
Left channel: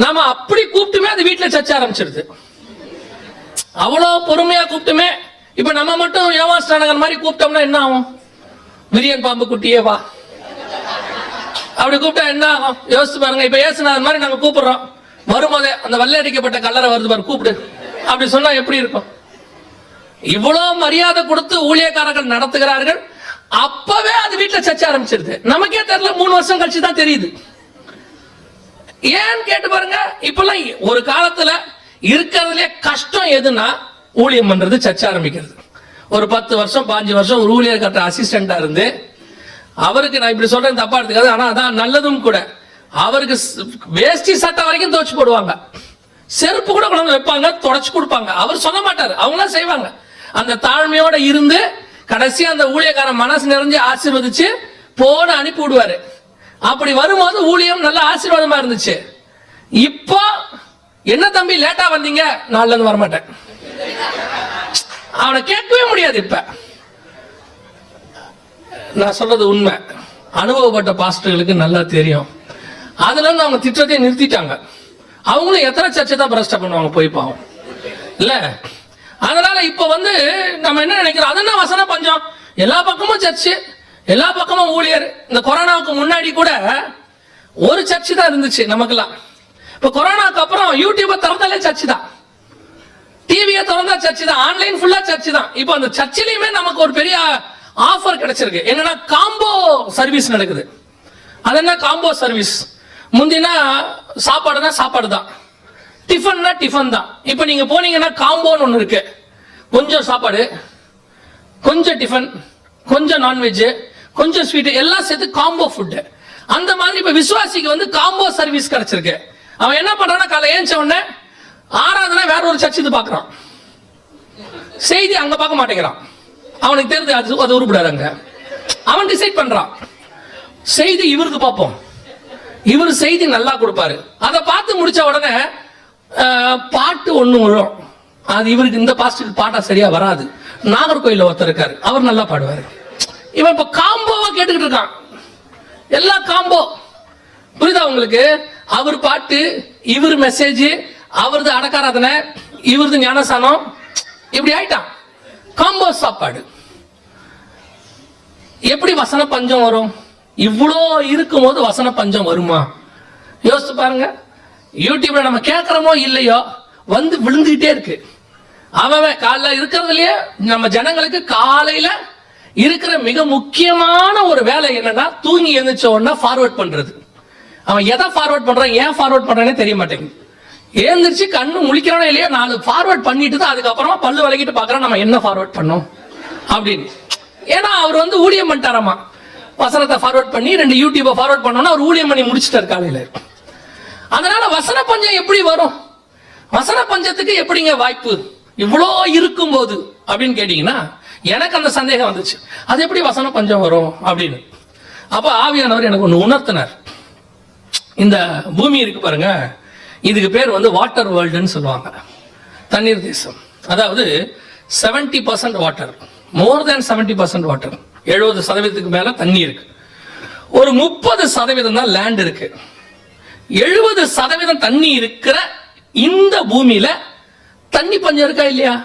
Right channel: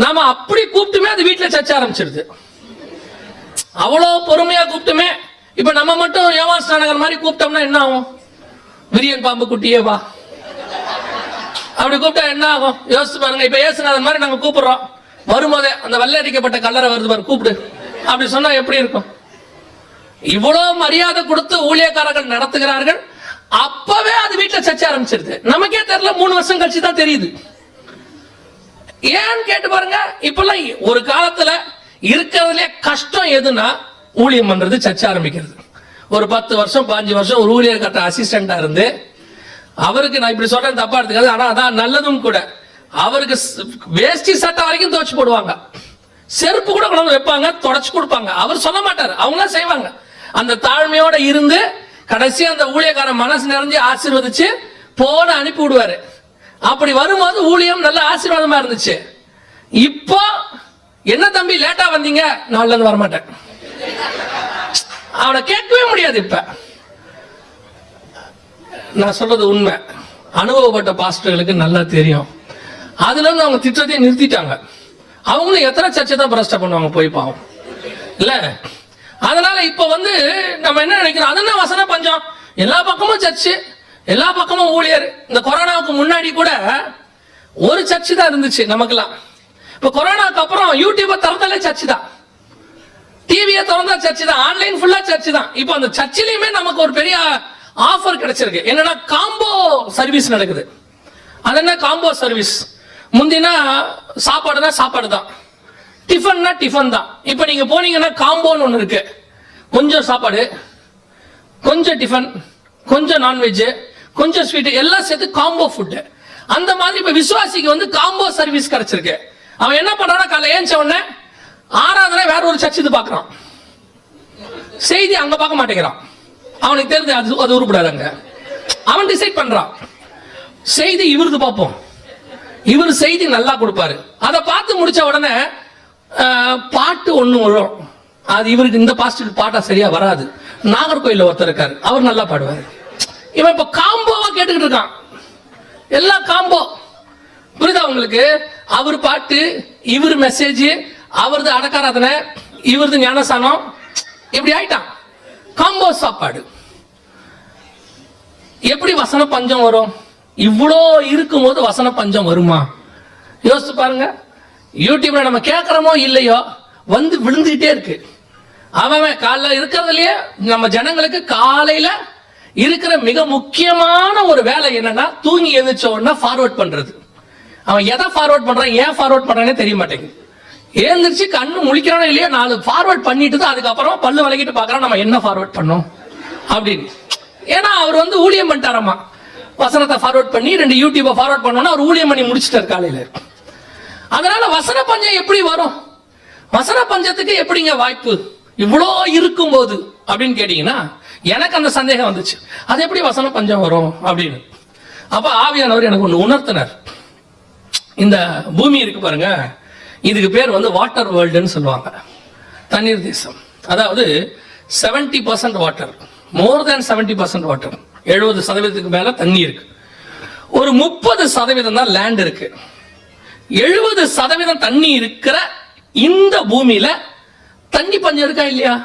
நாம அப்படி கூப்பிட்டுமே அது வீட்டுல சர்ச்சை ஆரம்பிச்சிருது. அவ்வளவு பொறுமையா கூப்பிட்டுமே இப்ப நம்ம மட்டும் ஏமாஸ்டானகர் மாதிரி கூப்பிட்டோம்னா என்ன ஆகும்? விரியன் பாம்பு குட்டியே வா அப்படி கூப்பிட்டா என்ன ஆகும்? யோசிச்சு பாருங்க. இப்ப ஏசுநாதன் மாதிரி நாங்க கூப்பிடுறோம். வரும்போதே அந்த வெள்ளை அடிக்கப்பட்ட கல்லறை வருது பாரு, கூப்பிடு அப்படி சொன்னா எப்படி இருக்கும்? இவ்வளவு மரியாதை கொடுத்து ஊழியக்காரர்கள் நடத்துகிறார்கள். அப்பவே அது வீட்டுல சர்ச்சை ஆரம்பிச்சிருது. நமக்கே தெரியல, 3 வருஷம் கழிச்சு தான் தெரியுது. ஏன்னு கேட்டு பாருங்க. இப்பெல்லாம் ஒரு காலத்துல இருக்கிறதுலே கஷ்டம் எதுனா ஊழியம் பண்றது, சர்ச்சை ஆரம்பிக்கிறது. ஒரு 10 வருஷம் 5 வருஷம் ஒரு ஊழியர் கட்ட அசிஸ்டண்டா இருந்து, அவருக்கு நான் இப்படி சொல்றேன் தப்பா எடுத்துக்காது, ஆனா அதான் நல்லதும் கூட. அவருக்கு வேஷ்டி சட்டை வரைக்கும் துவைச்சு போடுவாங்க, செருப்பு கூட கொண்டு வைப்பாங்க, தொடச்சு கொடுப்பாங்க. அவர் சொல்ல மாட்டாரு, அவங்க செய்வாங்க. அந்த தாழ்மையோட இருந்து கடைசியா அந்த ஊழியக்காரன் மனசு நிறைஞ்சு ஆசீர்வதிச்சு போன அனுப்பி விடுவாரு. அப்படி வரும்போது ஊழியம் நல்ல ஆசீர்வாதமா இருந்துச்சு. இப்போ என்ன தம்பி லேட்டா வந்தீங்க? நாள்ல இருந்து வரமாட்டேன். அவனை கேட்கவே முடியாது. இப்ப நான் சொல்றது உண்மை. அனுபவப்பட்ட பாஸ்டர்களுக்கு நல்லா தெரியும். அதுல இருந்து அவங்க திட்டத்தை நிறுத்திட்டாங்க. அவங்களும் எத்தனை சர்ச்சை தான் பிரஷ்ட பண்ணுவாங்க போய் பாவம் இல்ல. அதனால இப்ப நம்ம என்ன நினைக்கிறோம்? அதுதான் வசன பஞ்சம். எல்லா பக்கமும் சர்ச்சு, எல்லா பக்கமும் ஊழியர். இந்த கொரோனாவுக்கு முன்னாடி கூட ஒரு சர்ச்சு தான் இருந்துச்சு நமக்கெல்லாம். இப்ப கொரோனாக்கு அப்புறம் யூடியூபை திறந்தாலே சர்ச்சு தான், டிவியை திறந்தா சர்ச்சு தான், ஆன்லைன் ஃபுல்லா சர்ச்சு தான். இப்போ அந்த சர்ச்சிலையுமே நமக்கு ஒரு பெரிய ஆஃபர் கிடைச்சிருக்கு. என்னன்னா காம்போ சர்வீஸ் நடக்குது. அது என்ன காம்போ சர்வீஸ்? முந்தினா சாப்பாடுனா சாப்பாடு தான், டிஃபன்னா டிஃபன் தான். இப்போ நீங்க போனீங்கன்னா காம்போன்னு ஒன்று இருக்கு. கொஞ்சம் சாப்பாடு, கொஞ்சம் டிஃபன், கொஞ்சம் நான்வெஜ், கொஞ்சம் ஸ்வீட், எல்லாம் சேர்த்து காம்போ ஃபுட். அந்த மாதிரி இப்ப விசுவாசிக்கு காம்போ சர்வீஸ் கிடைச்சிருக்கு. அவன் என்ன பண்றான்னா காலை ஏஞ்ச உடனே ஆராதனை வேற ஒரு சர்ச்சுக்கு பார்க்கறான், செய்தி அங்க பார்க்க மாட்டேங்கிறான். அவனுக்கு தெரிஞ்சு அது உருப்படாது. அங்க அவன் டிசைட் பண்றான், செய்தி இவருக்கு பார்ப்போம், இவர் செய்தி நல்லா கொடுப்பாரு. அதை பார்த்து முடிச்ச உடனே பாட்டு ஒண்ணு வரும். அது இவருக்கு இந்த பாஸ்டர் பாட்டா சரியா வராது. நாகர்கோயில்ல ஒருத்தர் இருக்காரு, அவர் நல்லா பாடுவார். இவன் இப்ப காம்போவா கேட்டுக்கிட்டு இருக்கான். எல்லாம் காம்போ. புரியுதா உங்களுக்கு? அவர் பாட்டு, இவர் மெசேஜ், அவரது அடக்காராதனை, இவரது ஞானசானம், இப்படி ஆயிட்டான். காம்போ சாப்பாடு. எப்படி வசன பஞ்சம் வரும்? இவ்வளோ இருக்கும்போது வசன பஞ்சம் வருமா? யோசிச்சு பாருங்க. யூடியூப்ல நம்ம கேட்கறோமோ இல்லையோ விழுந்துகிட்டே இருக்கு. அவன் காலைல இருக்கிறதுலயே நம்ம ஜனங்களுக்கு காலையில இருக்கிற மிக முக்கியமான ஒரு வேலை என்னன்னா, தூங்கி எழுந்திரிச்ச உடனே ஃபார்வர்ட் பண்றது. அவன் எதை ஃபார்வர்ட் பண்றான், ஏன் ஃபார்வர்ட் பண்றானே தெரிய மாட்டேங்குது. எழுந்திரிச்சு கண்ணு முழிக்கிறானோ இல்லையோ 4 ஃபார்வர்ட் பண்ணிட்டு தான் அதுக்கப்புறமா பல்லு விளக்கிட்டு பாக்குறான் நம்ம என்ன ஃபார்வர்ட் பண்ணோம் அப்படின்னு. ஏன்னா அவர் ஊழியம் பண்ணிட்டாராமா. வசனத்தை ஃபார்வர்ட் பண்ணி 2 யூடியூபை ஃபார்வர்ட் பண்ணோம்னா அவர் ஊழியம் பண்ணி முடிச்சிட்டார் காலையில. அதனால வசன பஞ்சம் எப்படி வரும்? வசன பஞ்சத்துக்கு எப்படிங்க வாய்ப்பு இவ்வளோ இருக்கும்போது அப்படின்னு கேட்டீங்கன்னா, எனக்கு அந்த சந்தேகம் வந்துச்சு, அது எப்படி வசன பஞ்சம் வரும் அப்படின்னு. அப்ப ஆவியானவர் எனக்கு ஒன்று உணர்த்தினார். இந்த பூமி இருக்கு பாருங்க, இதுக்கு பேர் வந்து வாட்டர் வேர்ல்டுன்னு சொல்லுவாங்க, தண்ணீர் தேசம். அதாவது 70% வாட்டர், மோர் தேன் 70% வாட்டர், 70% மேல தண்ணி இருக்கு. ஒரு 30% தான் லேண்ட் இருக்கு. 70% தண்ணி இருக்கிற இந்த பூமியில தண்ணி பஞ்சம் இருக்கா இல்லையா?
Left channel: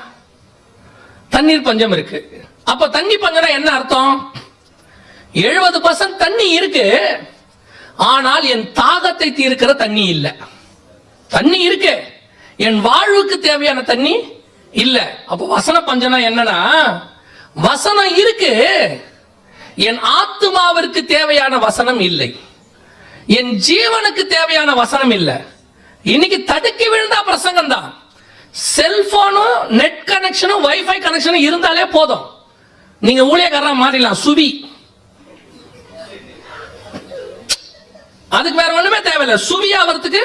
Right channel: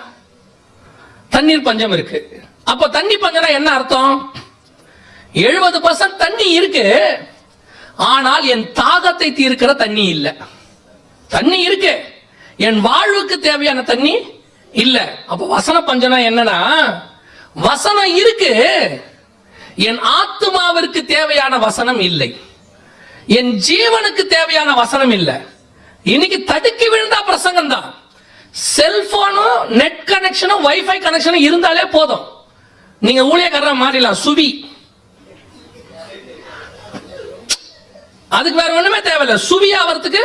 தண்ணீர் பஞ்சம் இருக்கு. அப்ப தண்ணி பஞ்சம்னா என்ன அர்த்தம்? 70% தண்ணி இருக்கு, ஆனால் என் தாகத்தை தீர்க்கிற தண்ணி இல்ல. தண்ணி இருக்கு, என் வாழ்வுக்கு தேவையான தண்ணி இல்ல. அப்ப வசன பஞ்சனா என்னன்னா, வசனம் இருக்கு, என் ஆத்துமாவிற்கு தேவையான வசனம் இல்லை, என் ஜீவனுக்கு தேவையான வசனம் இல்லை. இன்னைக்கு தடுக்கி விழுந்தா பிரசங்கம் தான். செல்போனும் நெட் கனெக்ஷனும் வைஃபை கனெக்ஷனும் இருந்தாலே போதும், நீங்க ஊழியக்காரரா மாறிடலாம். சுவி, அதுக்கு வேற ஒண்ணுமே தேவையில்லை. சுவி ஆகிறதுக்கு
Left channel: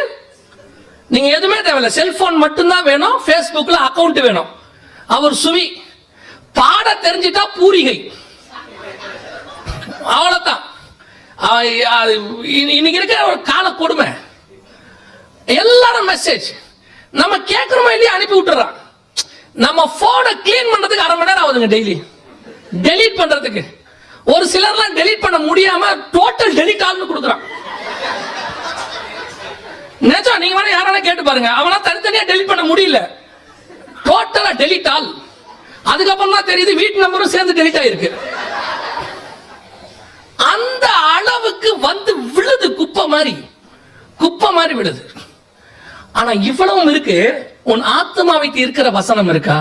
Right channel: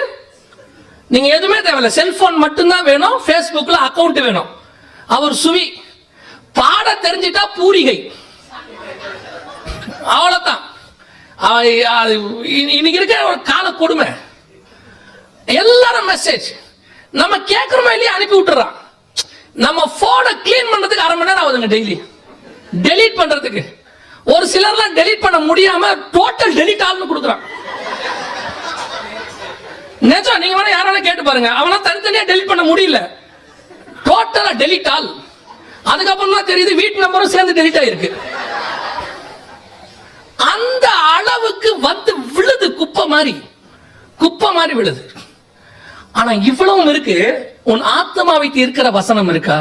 நீங்க எதுவுமே தேவையில்லை, செல்போன் மட்டும்தான் வேணும், பேஸ்புக்ல அக்கவுண்ட் வேணும். அவர் சுவி. பாட தெரிஞ்சிட்டா பூரிகை, அவ்வளவுதான். இன்னைக்கு இருக்கிற ஒரு கால கொடுமை. எல்லாரும் மெசேஜ் நம்ம கேட்கிறோமா இல்லையா அனுப்பி விட்டுறான். நம்ம போனை கிளீன் பண்றதுக்கு 1/2 மணி நேரம் ஆகுதுங்க டெய்லி, டெலீட் பண்றதுக்கு. ஒரு சிலர்லாம் டெலீட் பண்ண முடியாம டோட்டல் டெலீட் ஆல்னு கொடுக்குறான். நிஜம், நீங்க வேணா யாரான கேட்டு பாருங்க, அவனா தனித்தனியா டெலீட் பண்ண முடியல, டோட்டலா டெலீட் ஆல். அதுக்கப்புறம் தான் தெரியுது வீட்டு நம்பரும் சேர்ந்து டெலீட் ஆயிருக்கு. அந்த அளவுக்கு வந்து விழுது, குப்பை மாதிரி விழுது. ஆனா இவ்வளவும் இருக்கு, உன் ஆத்மாவை தீர்க்கிற வசனம் இருக்கா?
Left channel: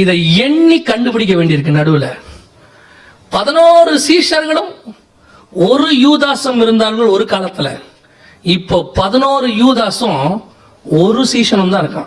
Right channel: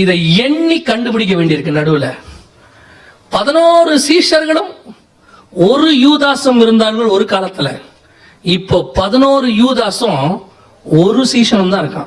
இதை எண்ணி கண்டுபிடிக்க வேண்டியிருக்கு. நடுவுல 11 சீஷர்களும் ஒரு யூதாசும் இருந்தார்கள் ஒரு காலத்துல. இப்போ 11 யூதாசும் ஒரு சீஷனும் தான் இருக்கான்.